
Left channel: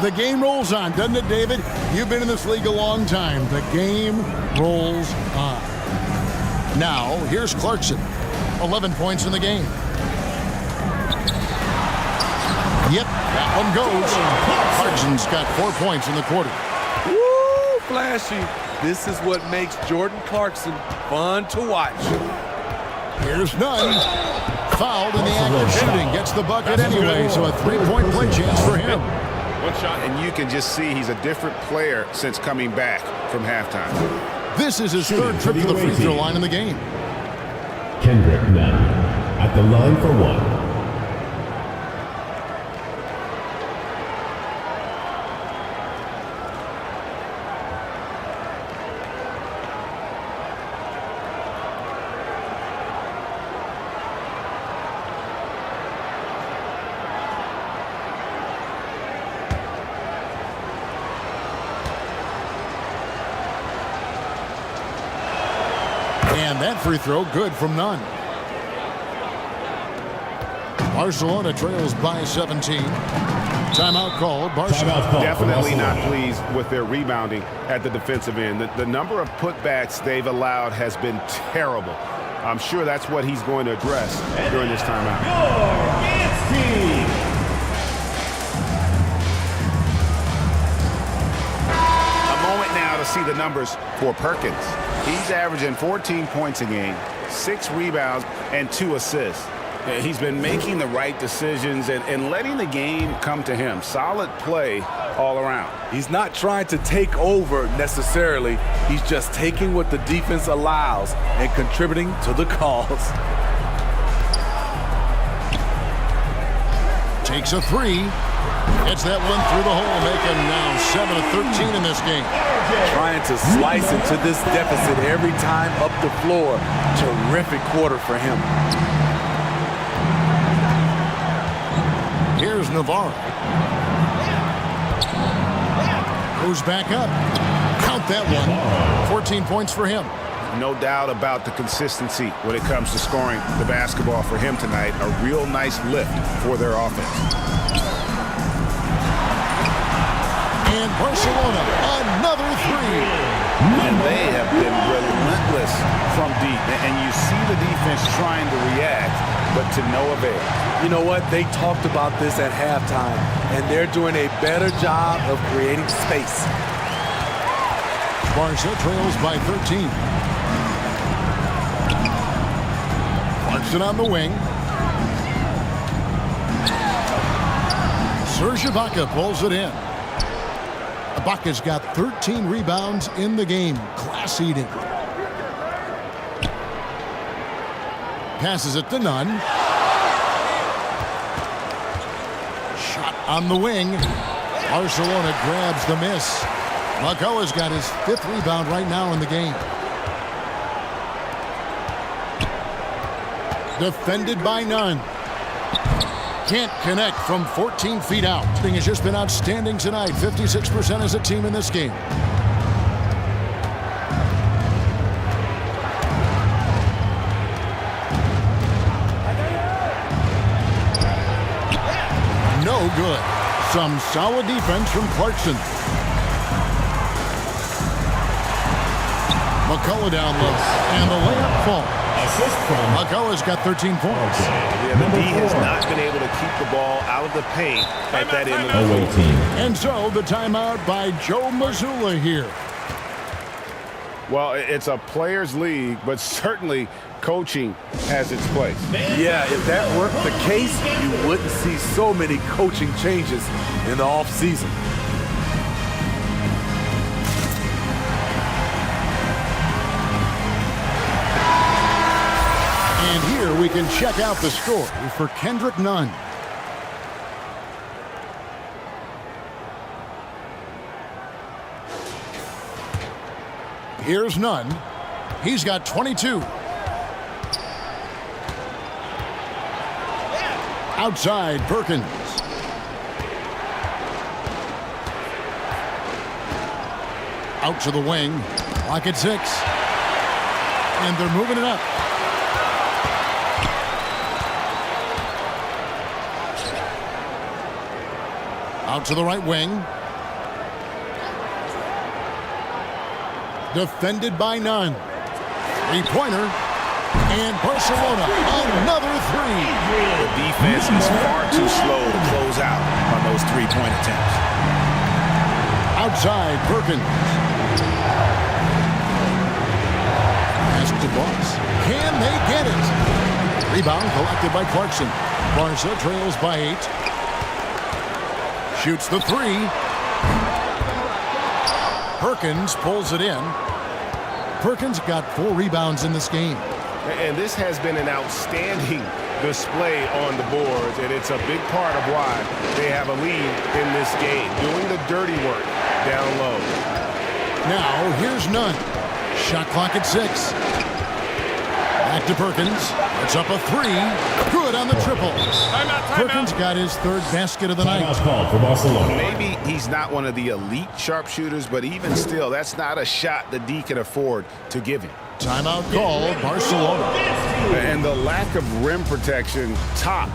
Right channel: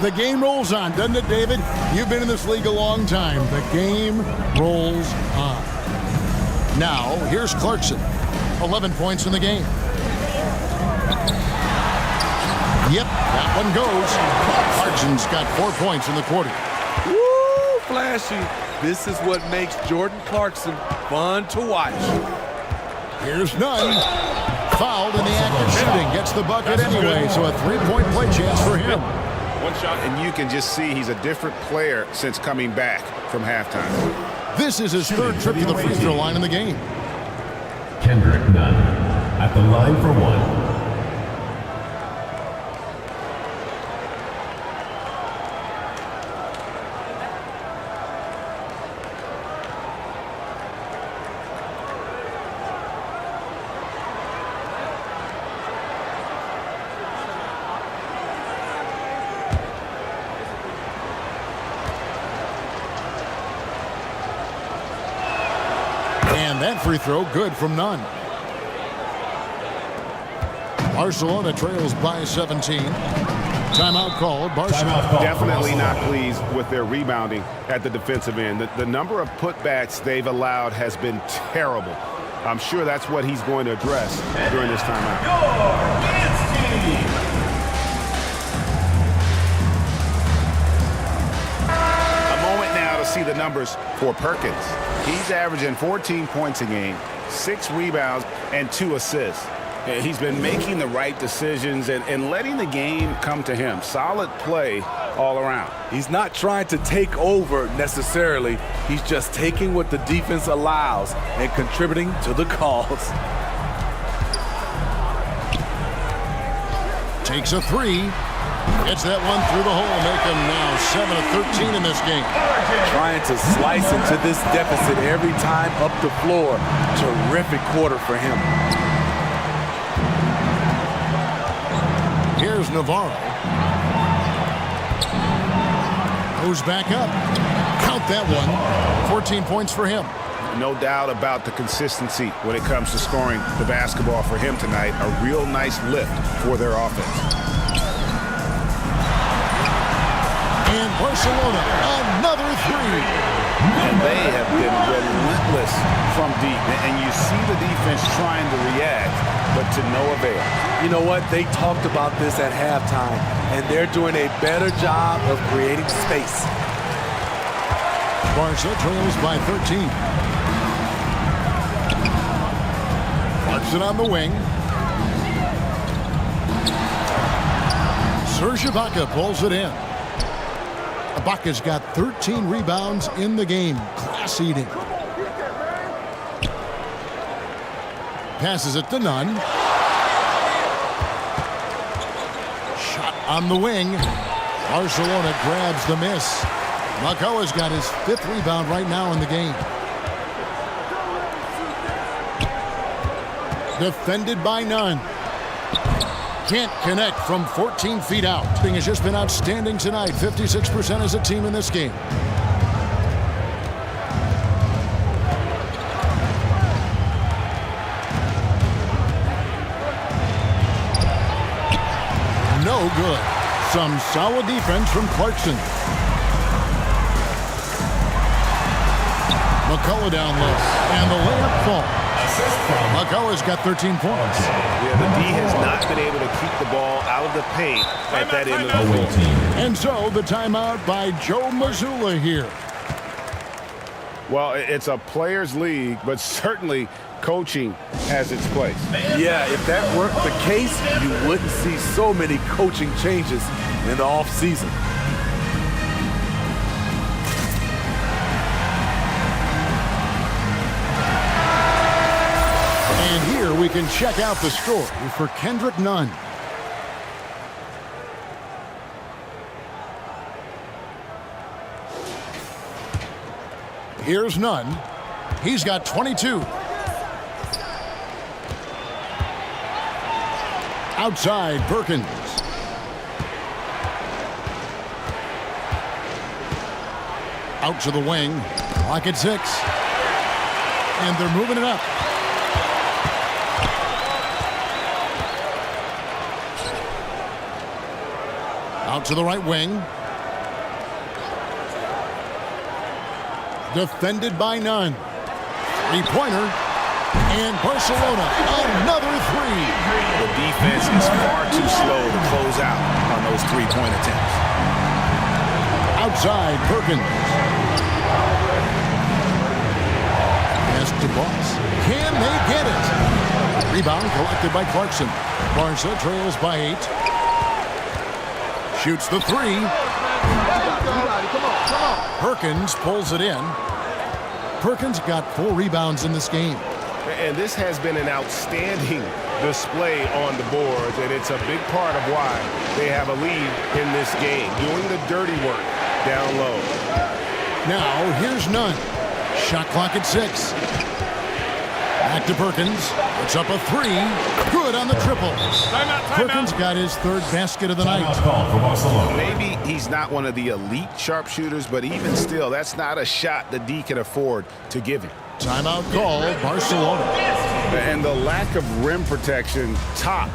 The game rolls on, doesn't it, David? You've been in this league a long time. The game rolls on. Now, here's Clarkson. 11 points in the game. Yep, that one goes. Clarkson's got 4 points in the quarter. Woo, flashy. This is what makes Jordan Clarkson fun to watch. Here's none. Fouled in the act of shooting. Gets the bucket anyway, so a three-point play chance for him. One shot, and you can just see he's a different player since coming back from halftime. This is his third trip to the free throw line in the game. Kendrick Nunn at the line for one. And that free throw good from Nunn. Barcelona trails by 17. Timeout called. Barcelona. Definitely not pleased with their rebounding at the defensive end. The number of putbacks they've allowed has been terrible. I'm sure that's what he's going to address during this timeout. A moment now to see the numbers for Perkins. He's averaging 14 points a game, 6 rebounds, and 2 assists. He's been making the right decisions and letting the game come to him. Solid play all around. He's not trying to take over necessarily. He's just taking what the defense allows and contributing to the cause. Takes a three. Gets that one through the hole, make him now 7 of 13 in this game. Trying to slice into this deficit every time up the floor. Terrific quarter for him. Here's Navarro. Goes back up. Count that one. 14 points for him. No doubt about the consistency when it comes to scoring the basketball for him tonight. A real nice lift for their offense. And Barcelona, another three. And they have been relentless from deep. And you see the defense trying to react, but to no avail. You know what? They talked about this at halftime, and they're doing a better job of creating space. Barca trails by 13. Clarkson on the wing. Serge Ibaka pulls it in. Ibaka's got 13 rebounds in the game. Class eating. Passes it to Nunn. Shot on the wing. Barcelona grabs the miss. McCullough's got his 5th rebound right now in the game. Defended by Nunn. Can't connect from 14 feet out. Thing has just been outstanding tonight. 56% as a team in this game. No good. Some solid defense from Clarkson. McCullough down low. And the layup falls. Assist from McCullough's got 13 points. Yeah, the D has not been able to keep the ball out of the paint at that end of the away floor. team. And so the timeout by Joe Mazzulla here. Well, it's a players' league, but certainly coaching has its place. Yeah, if that weren't the case, you wouldn't see so many coaching changes in the offseason. And here we can check out the story for Kendrick Nunn. Here's Nunn. He's got 22. Outside, Perkins. Out to the wing. Clock at 6. And they're moving it up. Out to the right wing. Defended by Nunn. Three-pointer. And Barcelona, another three. The defense is far too slow to close out on those three-point attempts. Outside, Perkins. Pass to Boss. Can they get it? Rebound collected by Clarkson. Barca trails by 8. Shoots the three. Perkins pulls it in. Perkins got 4 rebounds in this game. And this has been an outstanding display on the boards, and it's a big part of why they have a lead in this game, doing the dirty work down low. Now, here's Nunn. Shot clock at 6. Back to Perkins. It's up a 3. Good on the triple. Timeout. Perkins got his 3rd basket of the night. Called for Barcelona. Maybe he's not one of the elite sharpshooters, but even still, that's not a shot the D can afford to give him. Timeout called, Barcelona. And the lack of rim protection, top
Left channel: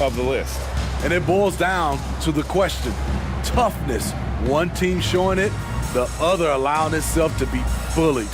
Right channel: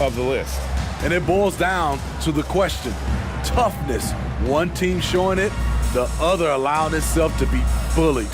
of the list. And it boils down to the question, toughness. One team showing it, the other allowing itself to be bullied.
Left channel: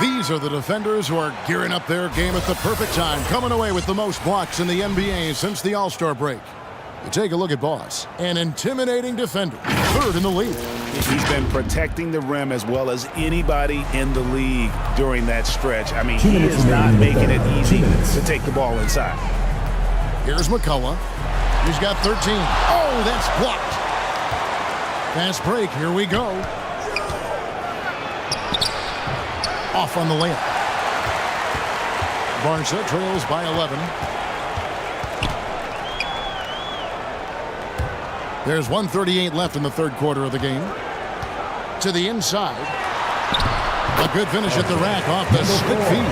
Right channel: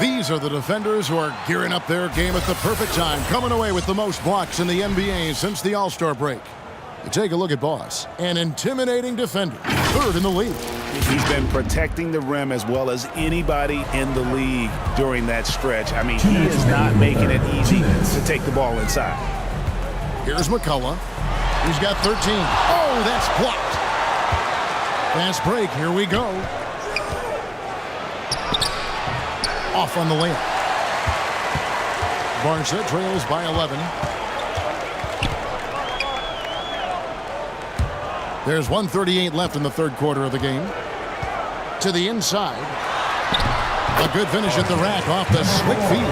These are the defenders who are gearing up their game at the perfect time, coming away with the most blocks in the NBA since the All-Star break. You take a look at Boss, an intimidating defender, 3rd in the league. He's been protecting the rim as well as anybody in the league during that stretch. I mean, he is not making it easy to take the ball inside. Here's McCullough. He's got 13. Oh, that's blocked. Fast break. Here we go. Off on the layup. Barca trails by 11. There's 1:38 left in the 3rd quarter of the game. To the inside. A good finish at the rack off the slick feed.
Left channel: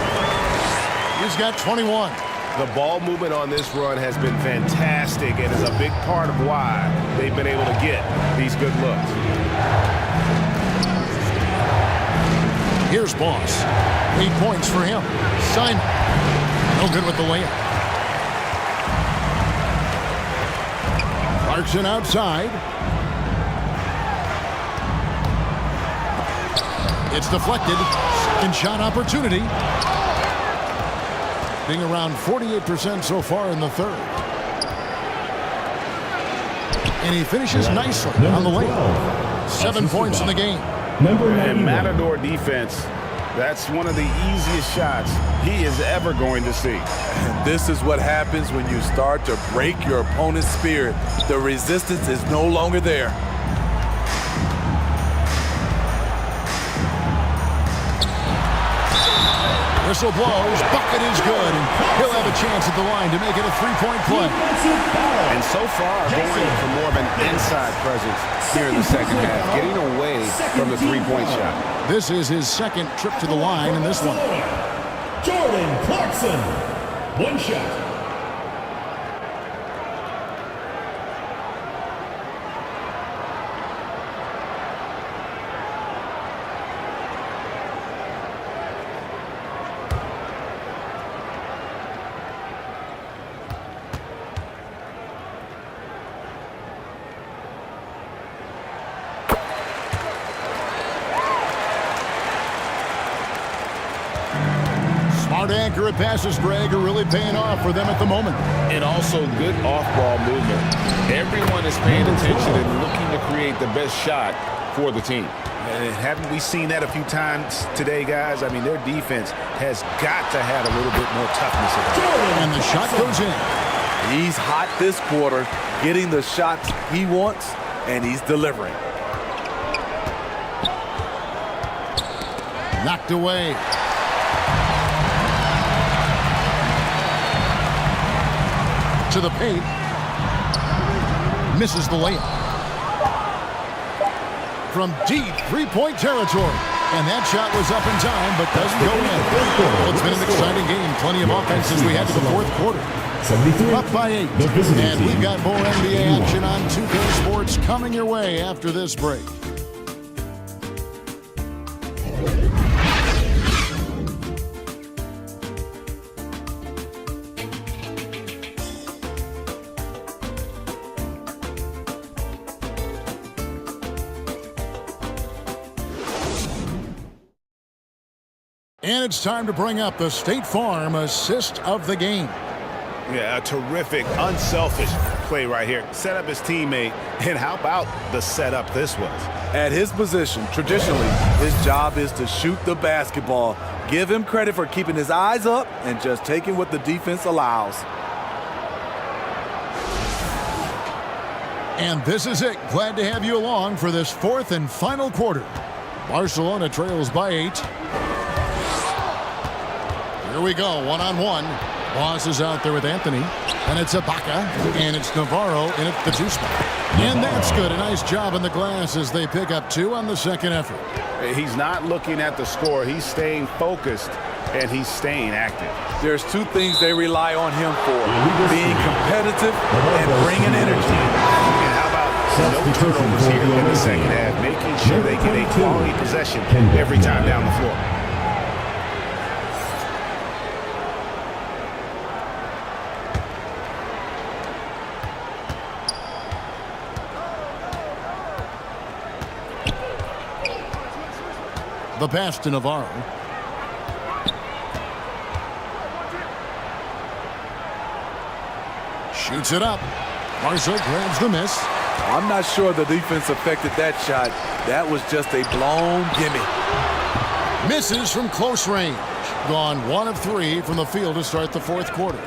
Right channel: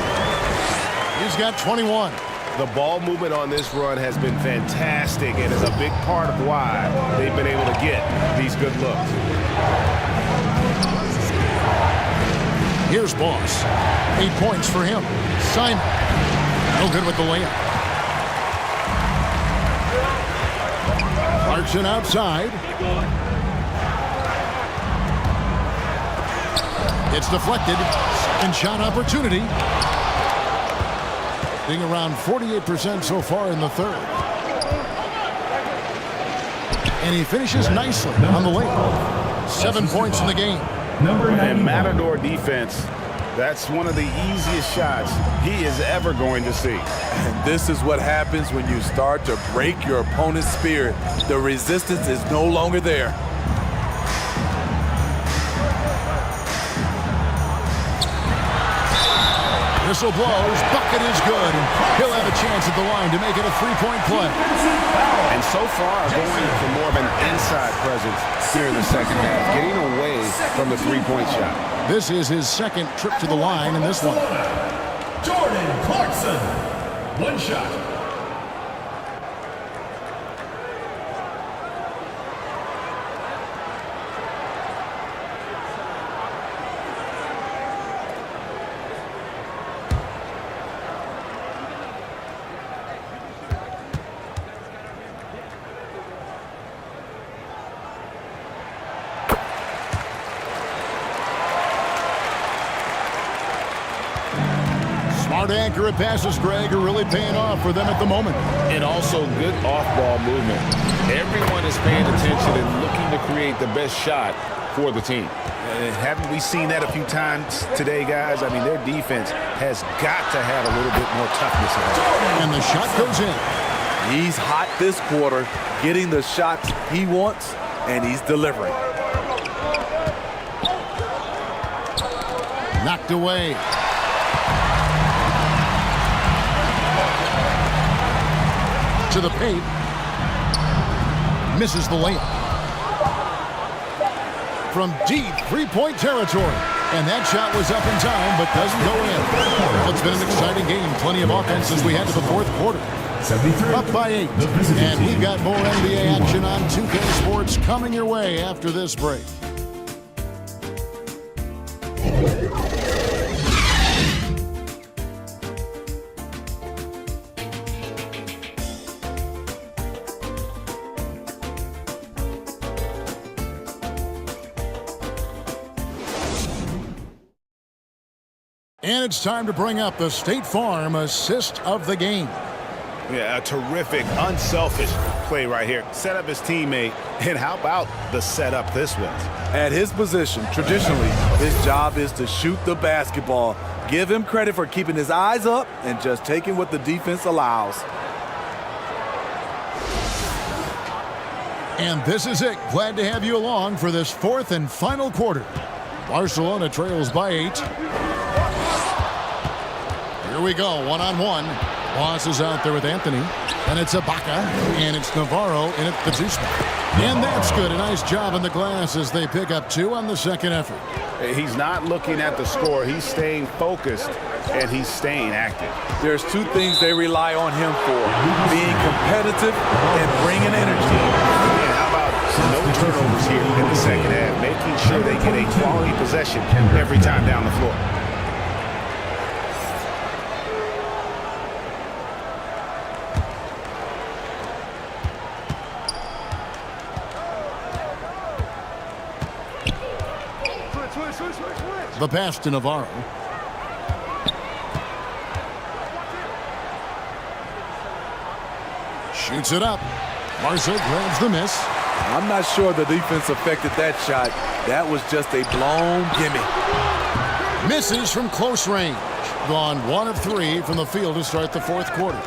He's got 21. The ball movement on this run has been fantastic and is a big part of why they've been able to get these good looks. Here's Boss. 8 points for him. Simon. No good with the layup. Clarkson outside. It's deflected. Second shot opportunity. Being around 48% so far in the 3rd. And he finishes nicely on the layup. 7 points in the game. And Matador defense That's one of the easiest shots he is ever going to see. And this is what happens when you start to break your opponent's spirit. The resistance is no longer there. Whistle blows, bucket is good, and he'll have a chance at the line to make it a three-point play. And so far, going for more of an inside presence here in the second half, getting away from the three-point shot. This is his second trip to the line in this one. Jordan Clarkson, one shot. Smart, accurate passes, Greg, are really paying off for them at the moment. And also good off-ball movement. Everyone is paying attention and looking to create the best shot for the team. And haven't we seen that a few times today, guys? I mean, their defense has got to have a little bit more toughness about it. And the shot goes in. He's hot this quarter, getting the shots he wants, and he's delivering. Knocked away. To the paint. Misses the layup. From deep three-point territory. And that shot was up in time, but doesn't go in. Well, it's been an exciting game. Plenty of offense as we head to the fourth quarter. Up by 8. And we've got more NBA action on 2K Sports coming your way after this break. And it's time to bring up the State Farm assist of the game. Yeah, a terrific, unselfish play right here. Set up his teammate, and how about the setup this was? At his position, traditionally, his job is to shoot the basketball. Give him credit for keeping his eyes up and just taking what the defense allows. And this is it. Glad to have you along for this fourth and final quarter. Barcelona trails by 8. Here we go, one-on-one. Boss is out there with Anthony. And it's Ibaka, and it's Navarro in at the 2 spot. And that's good. A nice job in the glass as they pick up 2 on the second effort. He's not looking at the score. He's staying focused, and he's staying active. There's 2 things they rely on him for, being competitive and bringing energy. And how about no turnovers here in the second half, making sure they get a quality possession every time down the floor. The pass to Navarro. Shoots it up. Marza grabs the miss. I'm not sure the defense affected that shot. That was just a blown gimme. Misses from close range. Gone 1 of 3 from the field to start the fourth quarter.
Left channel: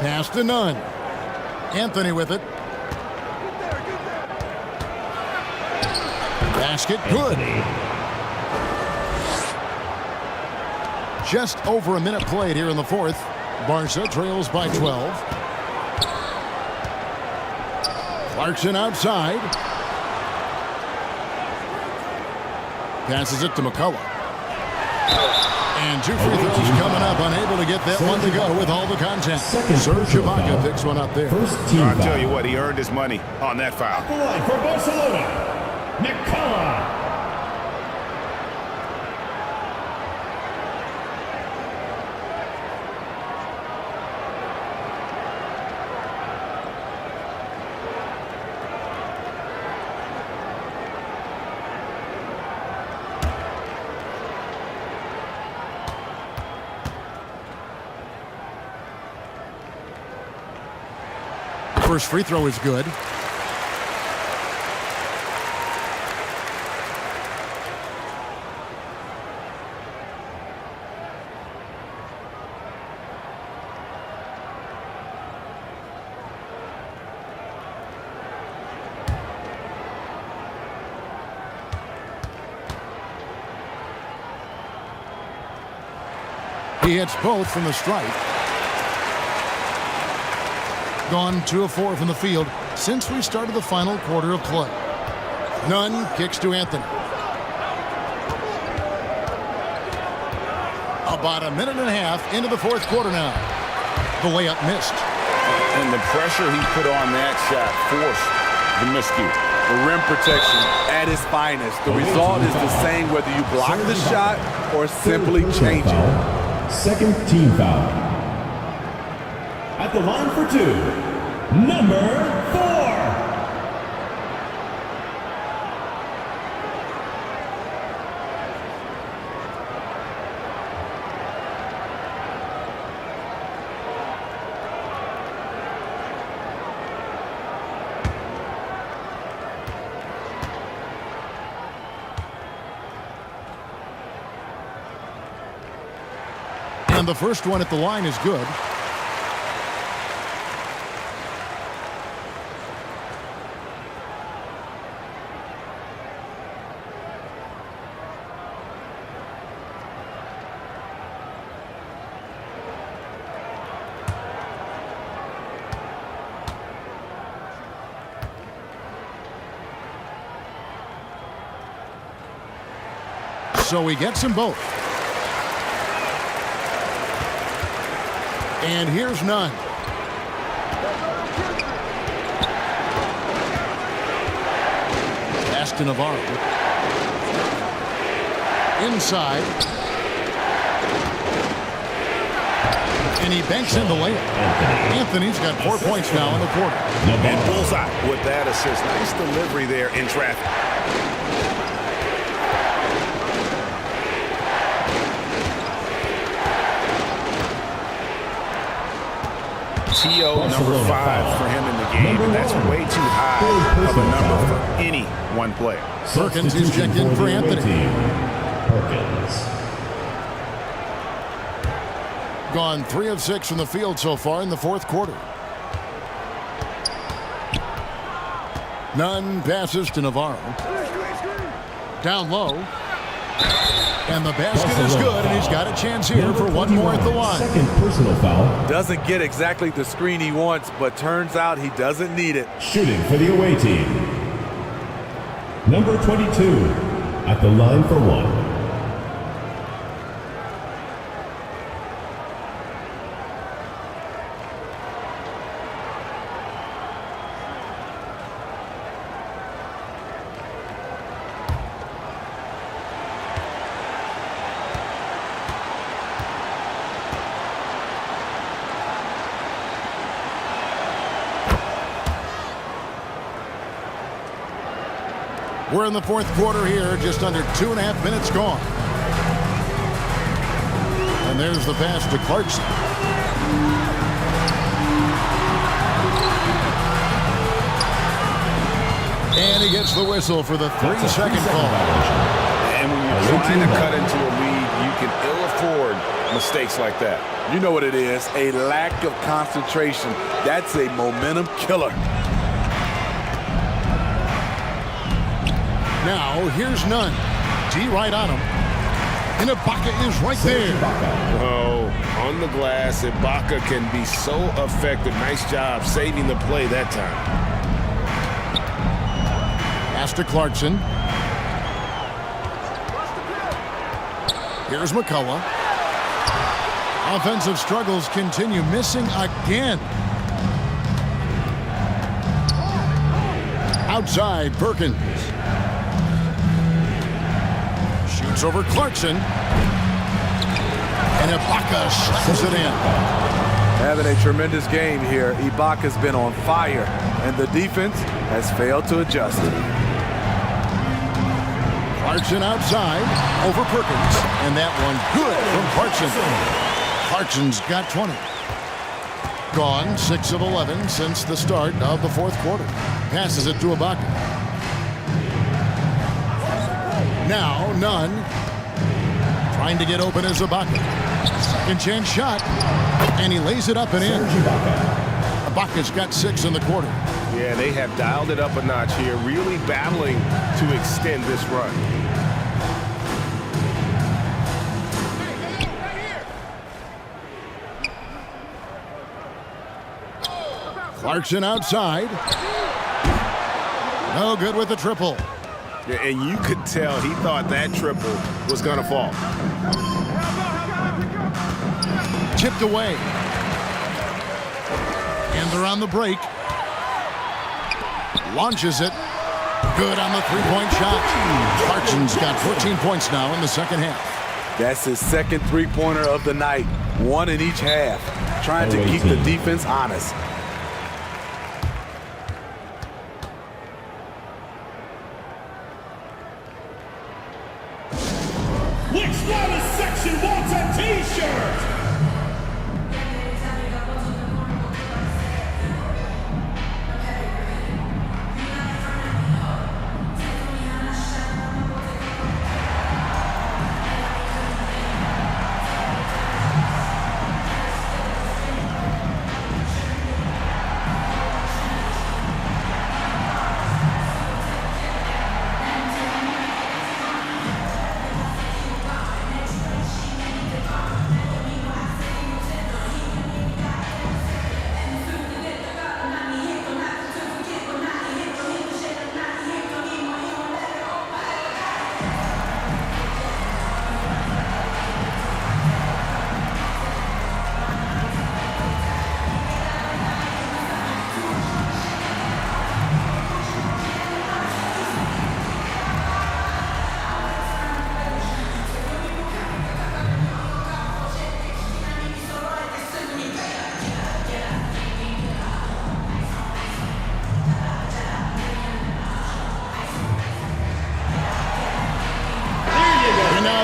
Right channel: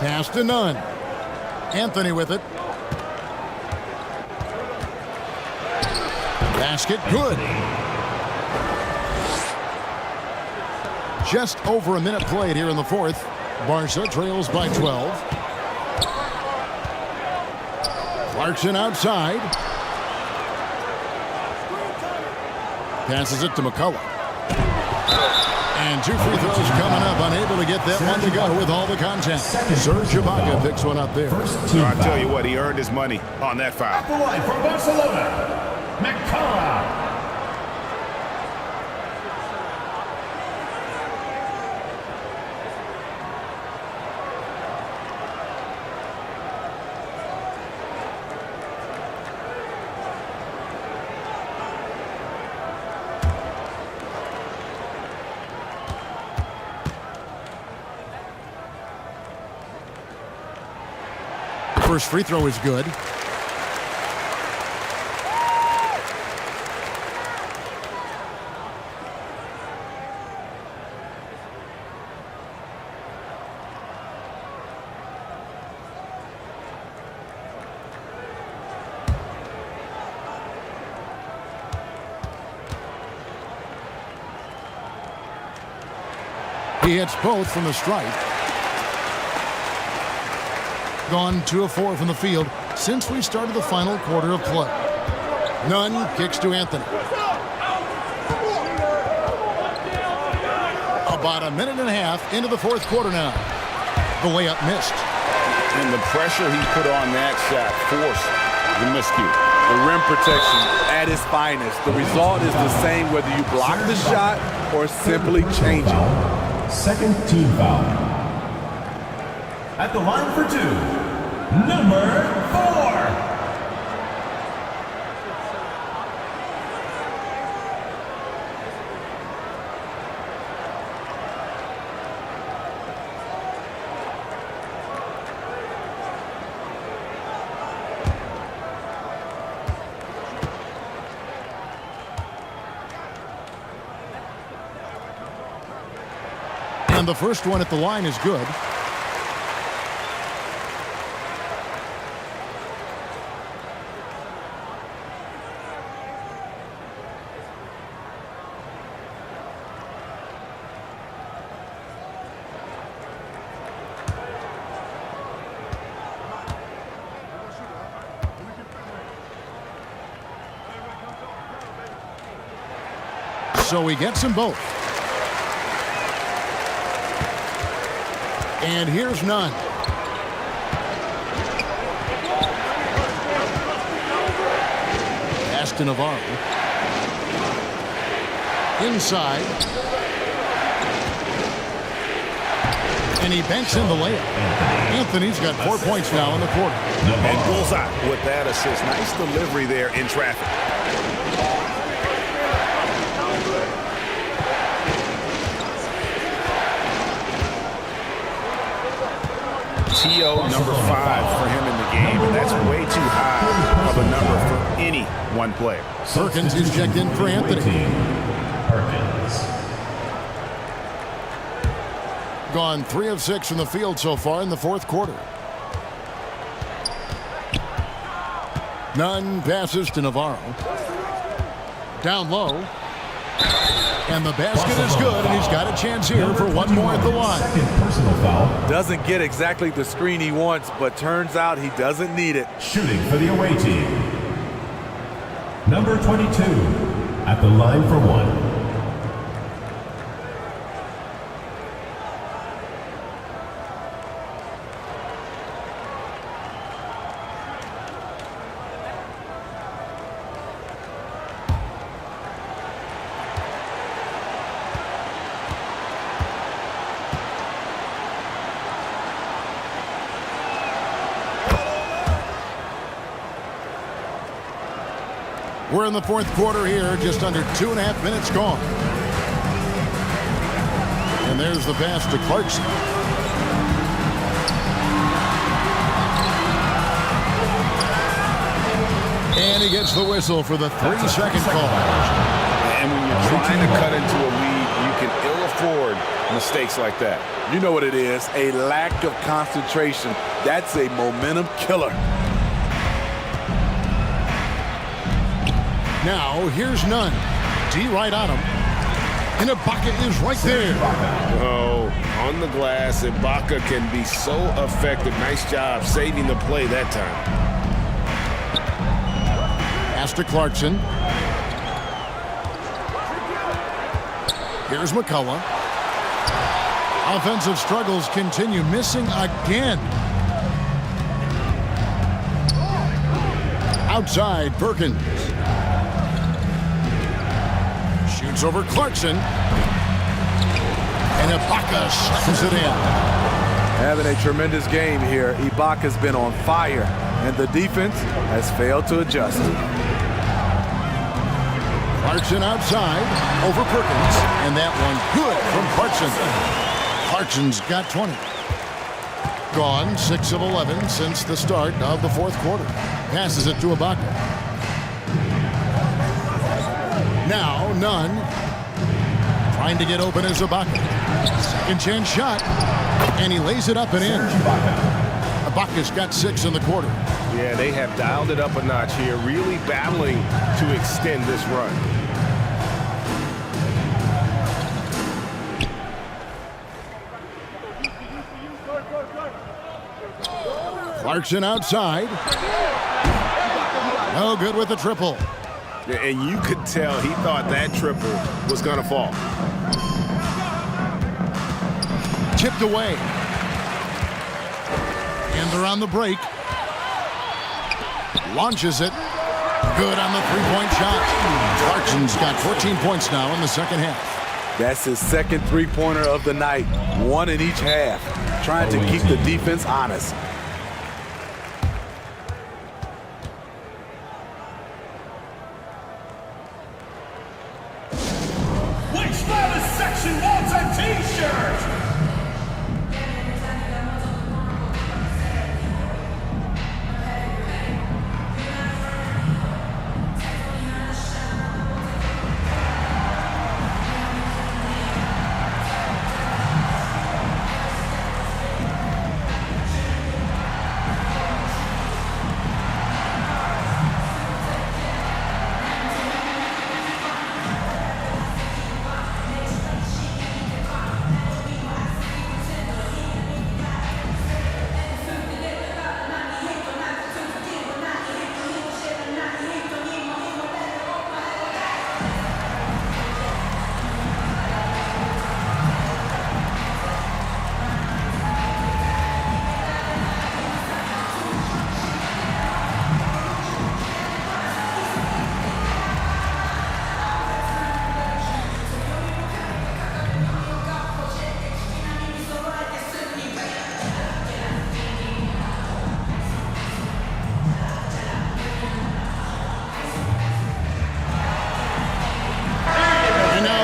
Pass to Nunn. Anthony with it. Basket good. Just over a minute played here in the fourth. Barca trails by 12. Clarkson outside. Passes it to McCullough. And 2 free throws coming up. Unable to get that one to go with all the contact. Serge Ibaka picks one up there. I'll tell you what, he earned his money on that foul. The line for Barcelona, McCullough. First free throw is good. He hits both from the stripe. Gone 2 of 4 from the field since we started the final quarter of play. Nunn kicks to Anthony. About a minute and a half into the fourth quarter now. The layup missed. And the pressure he put on that shot forced the miscue. The rim protection at its finest. The result is the same whether you block the shot or simply change it. Second team foul. At the line for 2, number 4. And the first one at the line is good. So he gets them both. And here's Nunn. Pass to Navarro. Inside. And he banks in the layup. Anthony's got 4 points now in the quarter. And bullseye with that assist. Nice delivery there in traffic. TO number 5 for him in the game, and that's way too high of a number for any one player. Perkins is checked in for Anthony. Perkins. Gone 3 of 6 from the field so far in the fourth quarter. Nunn passes to Navarro. Down low. And the basket is good, and he's got a chance here for one more at the line. Second personal foul. Doesn't get exactly the screen he wants, but turns out he doesn't need it. Shooting for the away team. Number 22 at the line for 1. We're in the fourth quarter here, just under 2.5 minutes gone. And there's the pass to Clarkson. And he gets the whistle for the 3-second call. And when you're trying to cut into a lead, you can ill afford mistakes like that. You know what it is, a lack of concentration. That's a momentum killer. Now, here's Nunn. D right on him. And Ibaka is right there. Oh, on the glass, Ibaka can be so effective. Nice job saving the play that time. Pass to Clarkson. Here's McCullough. Offensive struggles continue, missing again. Outside, Perkins. Shoots over Clarkson. And Ibaka slams it in. Having a tremendous game here. Ibaka's been on fire, and the defense has failed to adjust. Clarkson outside, over Perkins. And that one good from Clarkson. Clarkson's got 20. Gone 6 of 11 since the start of the fourth quarter. Passes it to Ibaka. Now Nunn trying to get open as Ibaka. Second chance shot, and he lays it up and in. Ibaka's got 6 in the quarter. Yeah, they have dialed it up a notch here, really battling to extend this run. Clarkson outside. No good with the triple. Yeah, and you could tell he thought that triple was going to fall. Tipped away. And they're on the break. Launches it. Good on the three-point shot. Clarkson's got 14 points now in the second half. That's his second three-pointer of the night. One in each half. Trying to keep the defense honest. Which style section wants a t-shirt?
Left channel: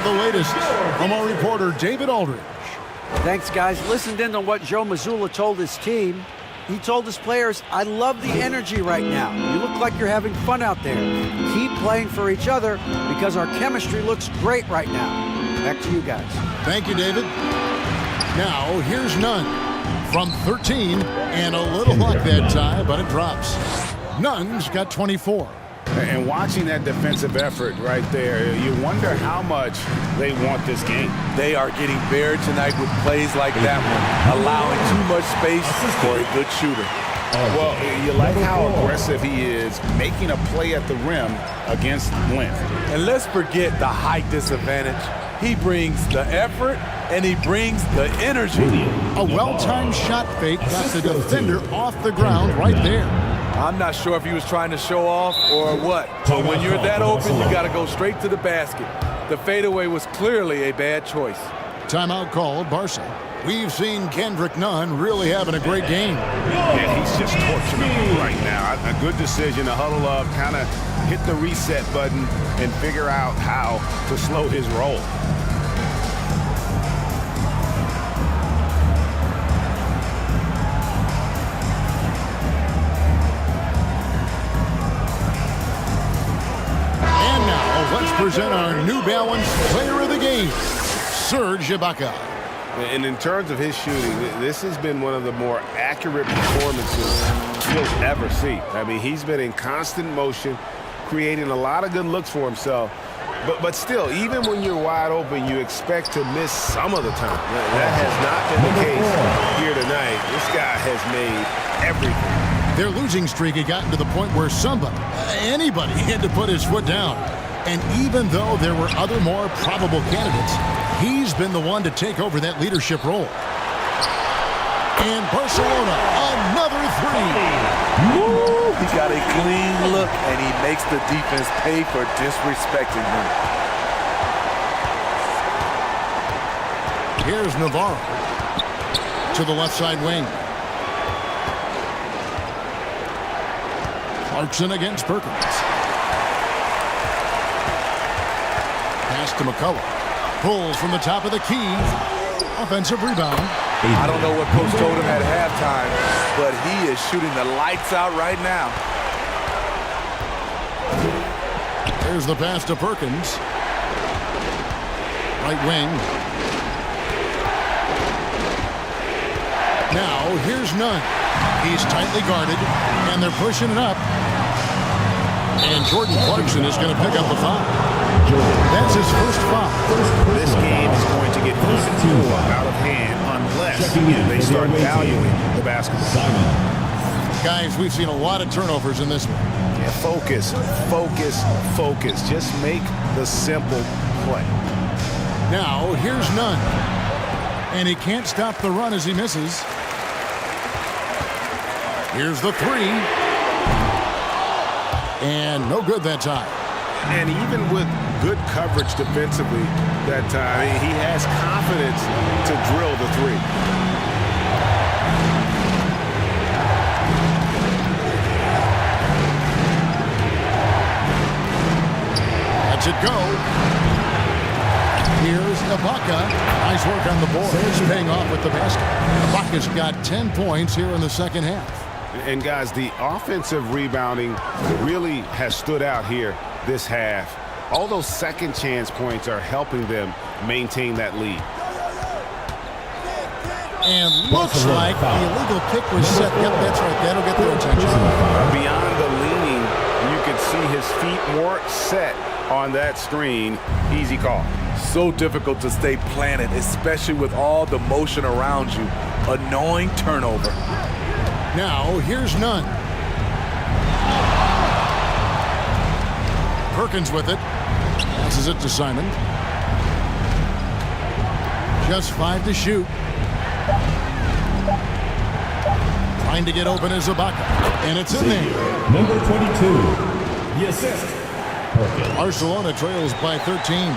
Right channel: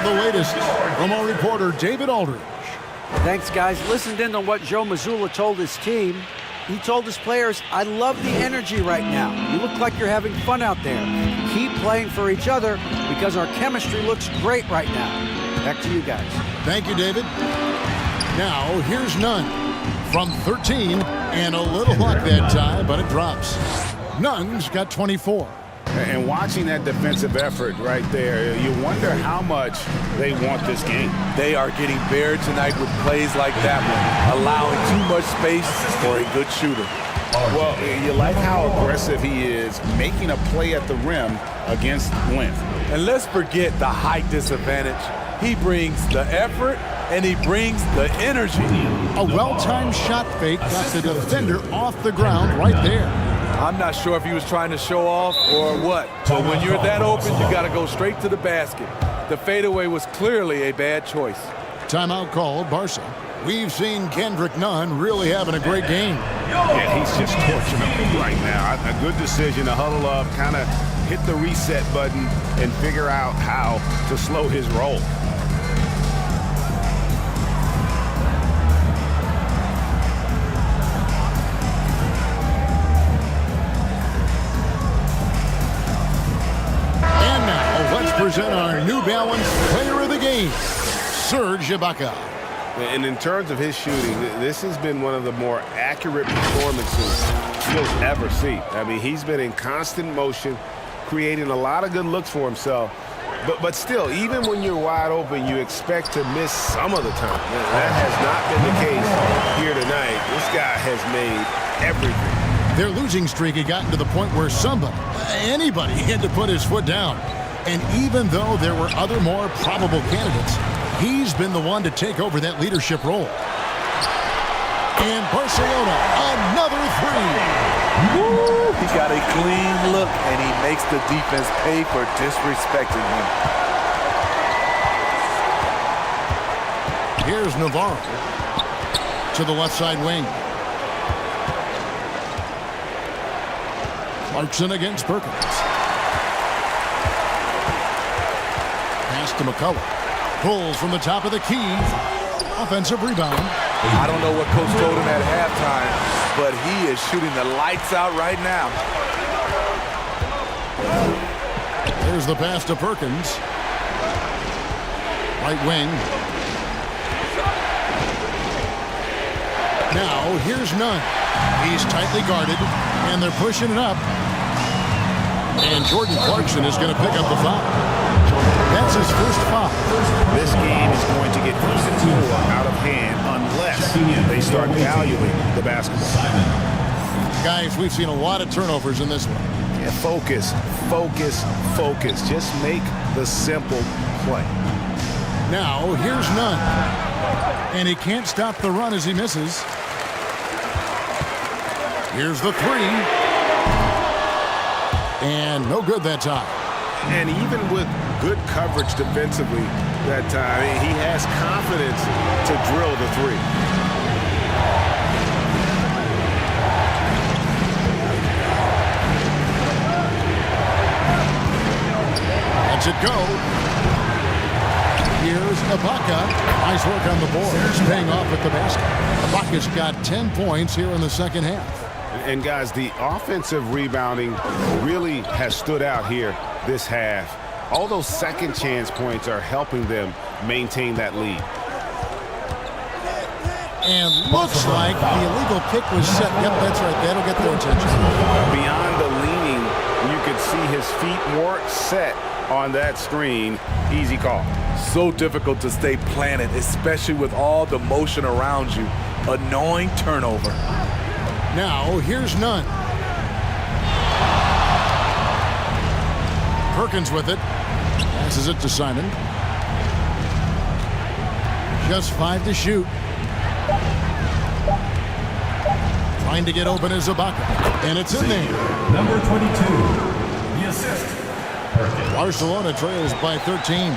The latest from our reporter David Aldridge. Thanks, guys. Listened in on what Joe Mazzulla told his team. He told his players, I love the energy right now. You look like you're having fun out there. Keep playing for each other because our chemistry looks great right now. Back to you guys. Thank you, David. Now, here's Nunn from 13, and a little luck that time, but it drops. Nunn's got 24. And watching that defensive effort right there, you wonder how much they want this game. They are getting buried tonight with plays like that one, allowing too much space for a good shooter. Well, you like how aggressive he is, making a play at the rim against length. And let's forget the height disadvantage. He brings the effort, and he brings the energy. A well-timed shot fake got the defender off the ground right there. I'm not sure if he was trying to show off or what, but when you're that open, you got to go straight to the basket. The fadeaway was clearly a bad choice. Timeout called, Barca. We've seen Kendrick Nunn really having a great game. Yeah, he's just torching them right now. A good decision to huddle up, kind of hit the reset button, and figure out how to slow his roll. Let's present our New Balance Player of the Game, Serge Ibaka. And in terms of his shooting, this has been one of the more accurate performances you'll ever see. I mean, he's been in constant motion, creating a lot of good looks for himself. But still, even when you're wide open, you expect to miss some of the time. That has not been the case here tonight. This guy has made everything. Their losing streak had gotten to the point where anybody had to put his foot down. And even though there were other more probable candidates, he's been the one to take over that leadership role. And Barcelona, another three. Woo! He got a clean look, and he makes the defense pay for disrespecting him. Here's Navarro to the left side wing. Clarkson against Perkins. Pass to McCullough. Pulls from the top of the key. Offensive rebound. I don't know what Coach told him at halftime, but he is shooting the lights out right now. There's the pass to Perkins. Right wing. Now, here's Nunn. He's tightly guarded, and they're pushing it up. And Jordan Clarkson is going to pick up the foul. That's his first foul. This game is going to get even more out of hand unless they start valuing the basketball. Guys, we've seen a lot of turnovers in this one. Yeah, focus, focus, focus. Just make the simple play. Now, here's none. And he can't stop the run as he misses. Here's the three. And no good that time. And even with good coverage defensively that time, he has confidence to drill the three. Lets it go. Here's Ibaka. Nice work on the boards, paying off with the basket. Ibaka's got 10 points here in the second half. And guys, the offensive rebounding really has stood out here this half. All those second chance points are helping them maintain that lead. And looks like the illegal pick was set. Yep, that's right. That'll get their attention. Beyond the leaning, you could see his feet more set on that screen. Easy call. So difficult to stay planted, especially with all the motion around you. Annoying turnover. Now, here's none. Perkins with it. Passes it to Simon. Just 5 to shoot. Trying to get open is Ibaka. And it's in there. Number 22, the assist. Perkins. Barcelona trails by 13.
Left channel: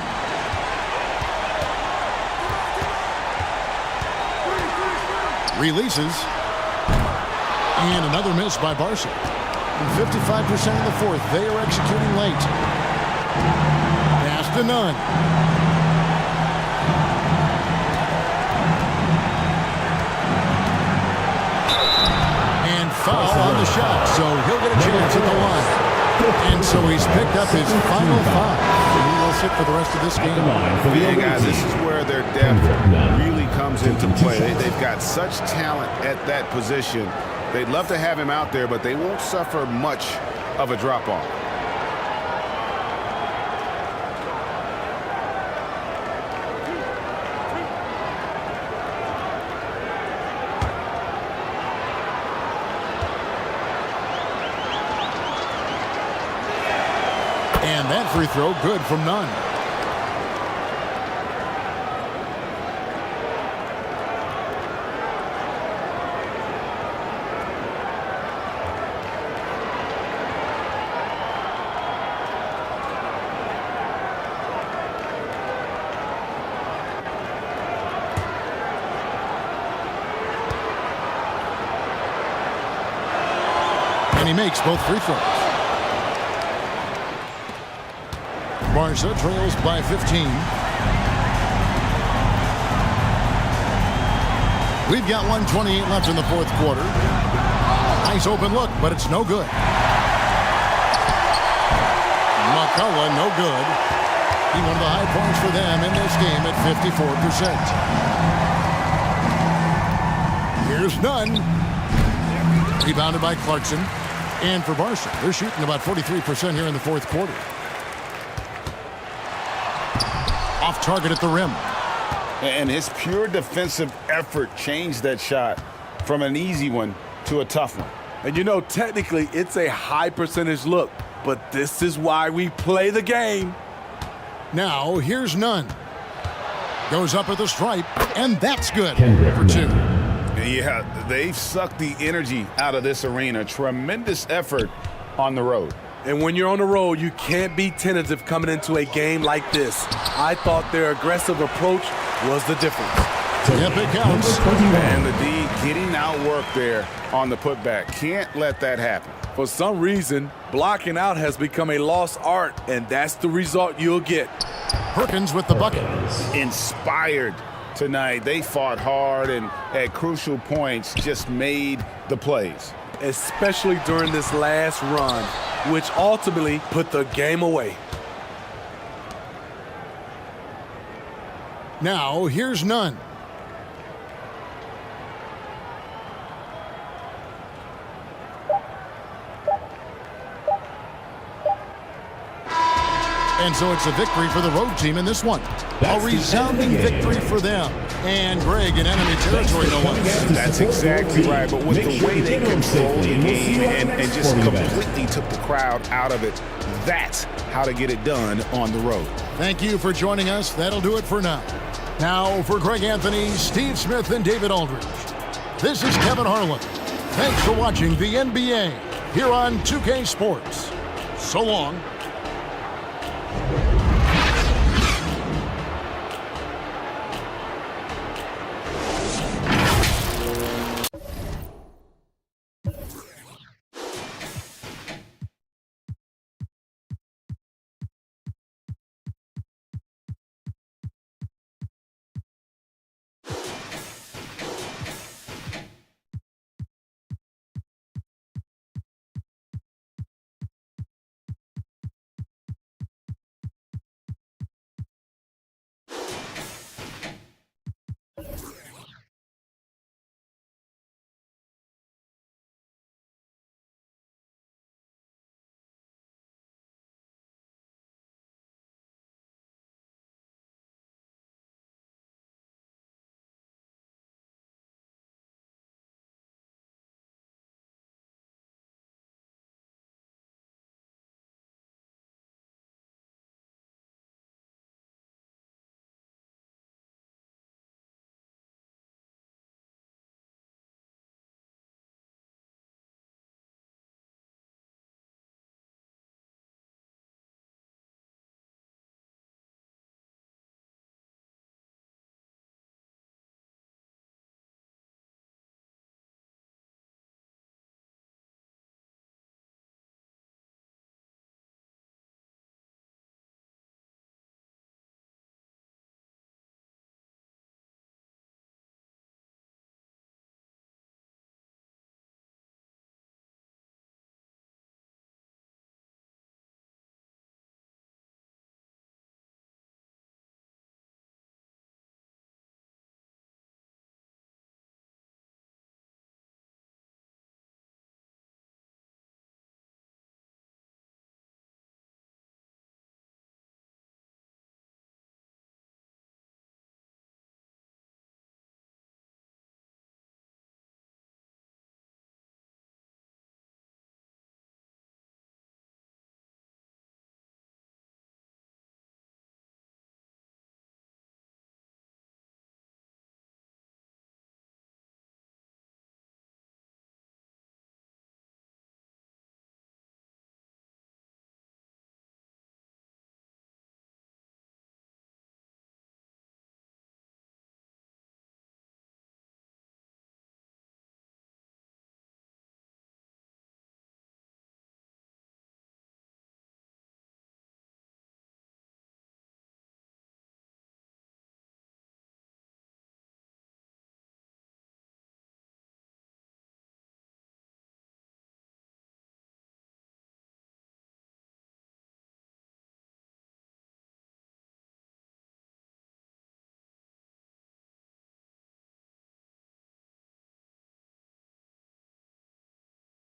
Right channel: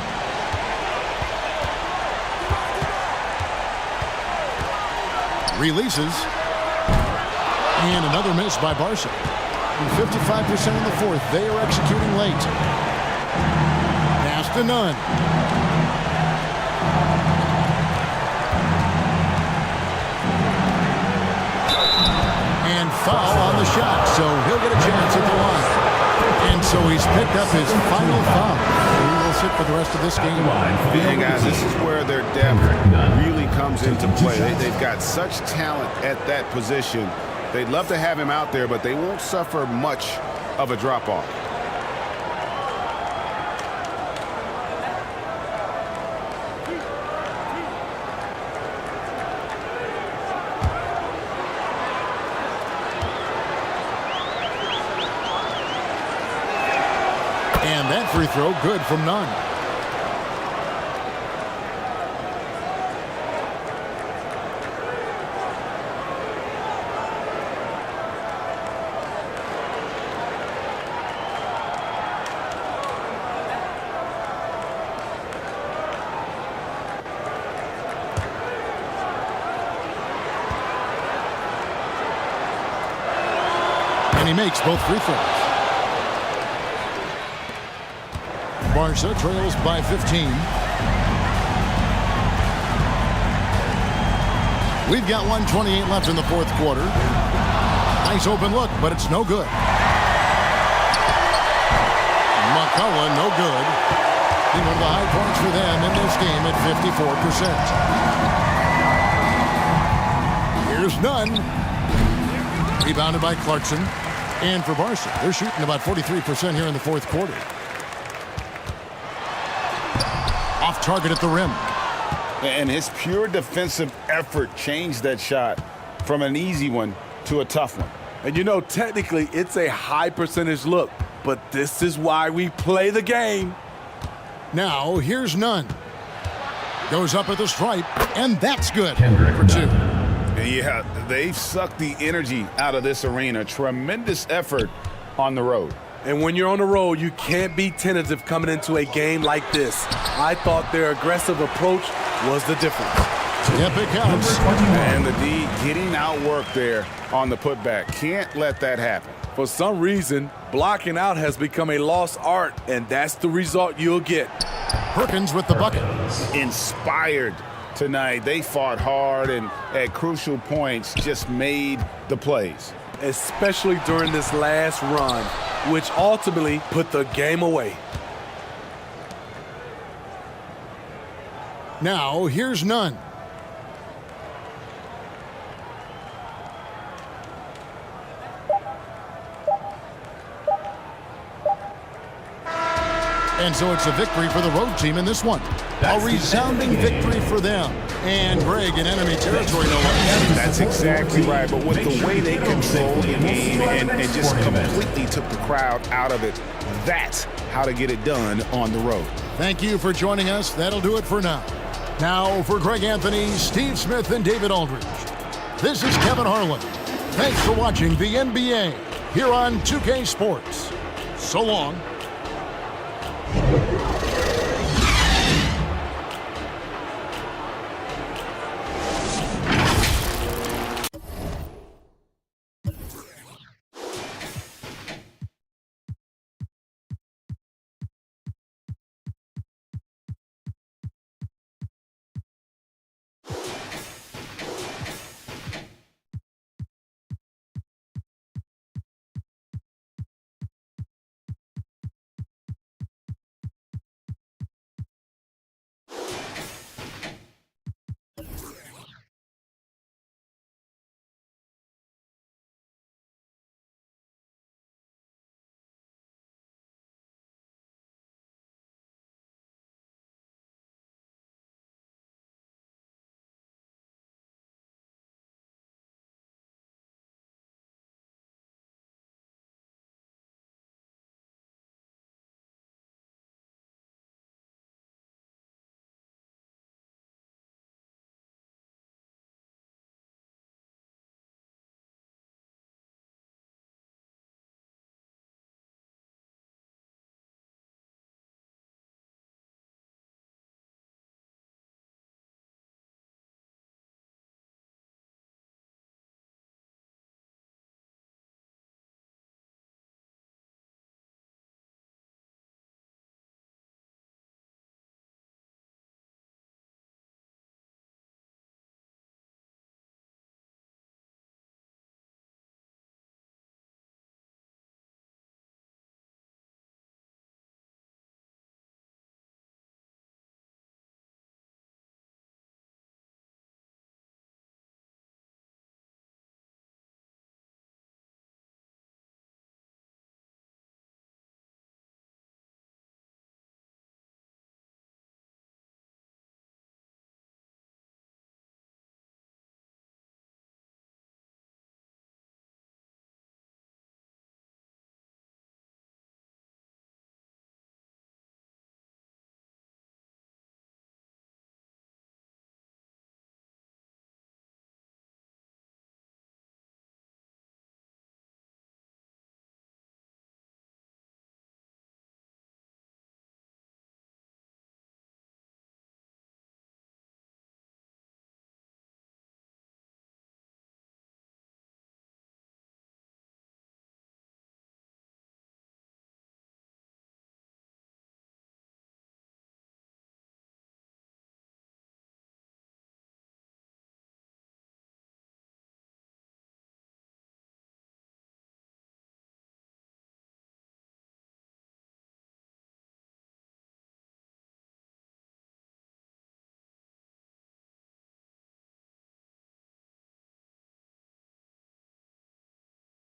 Releases. And another miss by Barca. And 55% in the fourth. They are executing late. Pass to none. And foul on the shot, so he'll get a chance at the line. And so he's picked up his final foul. He will sit for the rest of this game. And guys, this is where their depth really comes into play. They've got such talent at that position. They'd love to have him out there, but they won't suffer much of a drop-off. And that free throw good from none. And he makes both free throws. Barca trails by 15. We've got 1:28 left in the fourth quarter. Nice open look, but it's no good. McCullough, no good. He one of the high points for them in this game at 54%. Here's none. Rebounded by Clarkson. And for Barca, they're shooting about 43% here in the fourth quarter. Off target at the rim. And his pure defensive effort changed that shot from an easy one to a tough one. And you know, technically, it's a high percentage look, but this is why we play the game. Now, here's none. Goes up at the stripe, and that's good for two. Yeah, they've sucked the energy out of this arena. Tremendous effort on the road. And when you're on the road, you can't be tentative coming into a game like this. I thought their aggressive approach was the difference. Yep, it counts. And the D getting outworked there on the putback. Can't let that happen. For some reason, blocking out has become a lost art, and that's the result you'll get. Perkins with the bucket. Inspired tonight. They fought hard and at crucial points just made the plays. Especially during this last run, which ultimately put the game away. Now, here's none. And so it's a victory for the road team in this one. A resounding victory for them. And Greg, in enemy territory, no less. That's exactly right. But with the way they controlled the game and just completely took the crowd out of it, that's how to get it done on the road. Thank you for joining us. That'll do it for now. Now, for Greg Anthony, Steve Smith, and David Aldridge, this is Kevin Harlan. Thanks for watching the NBA here on 2K Sports. So long.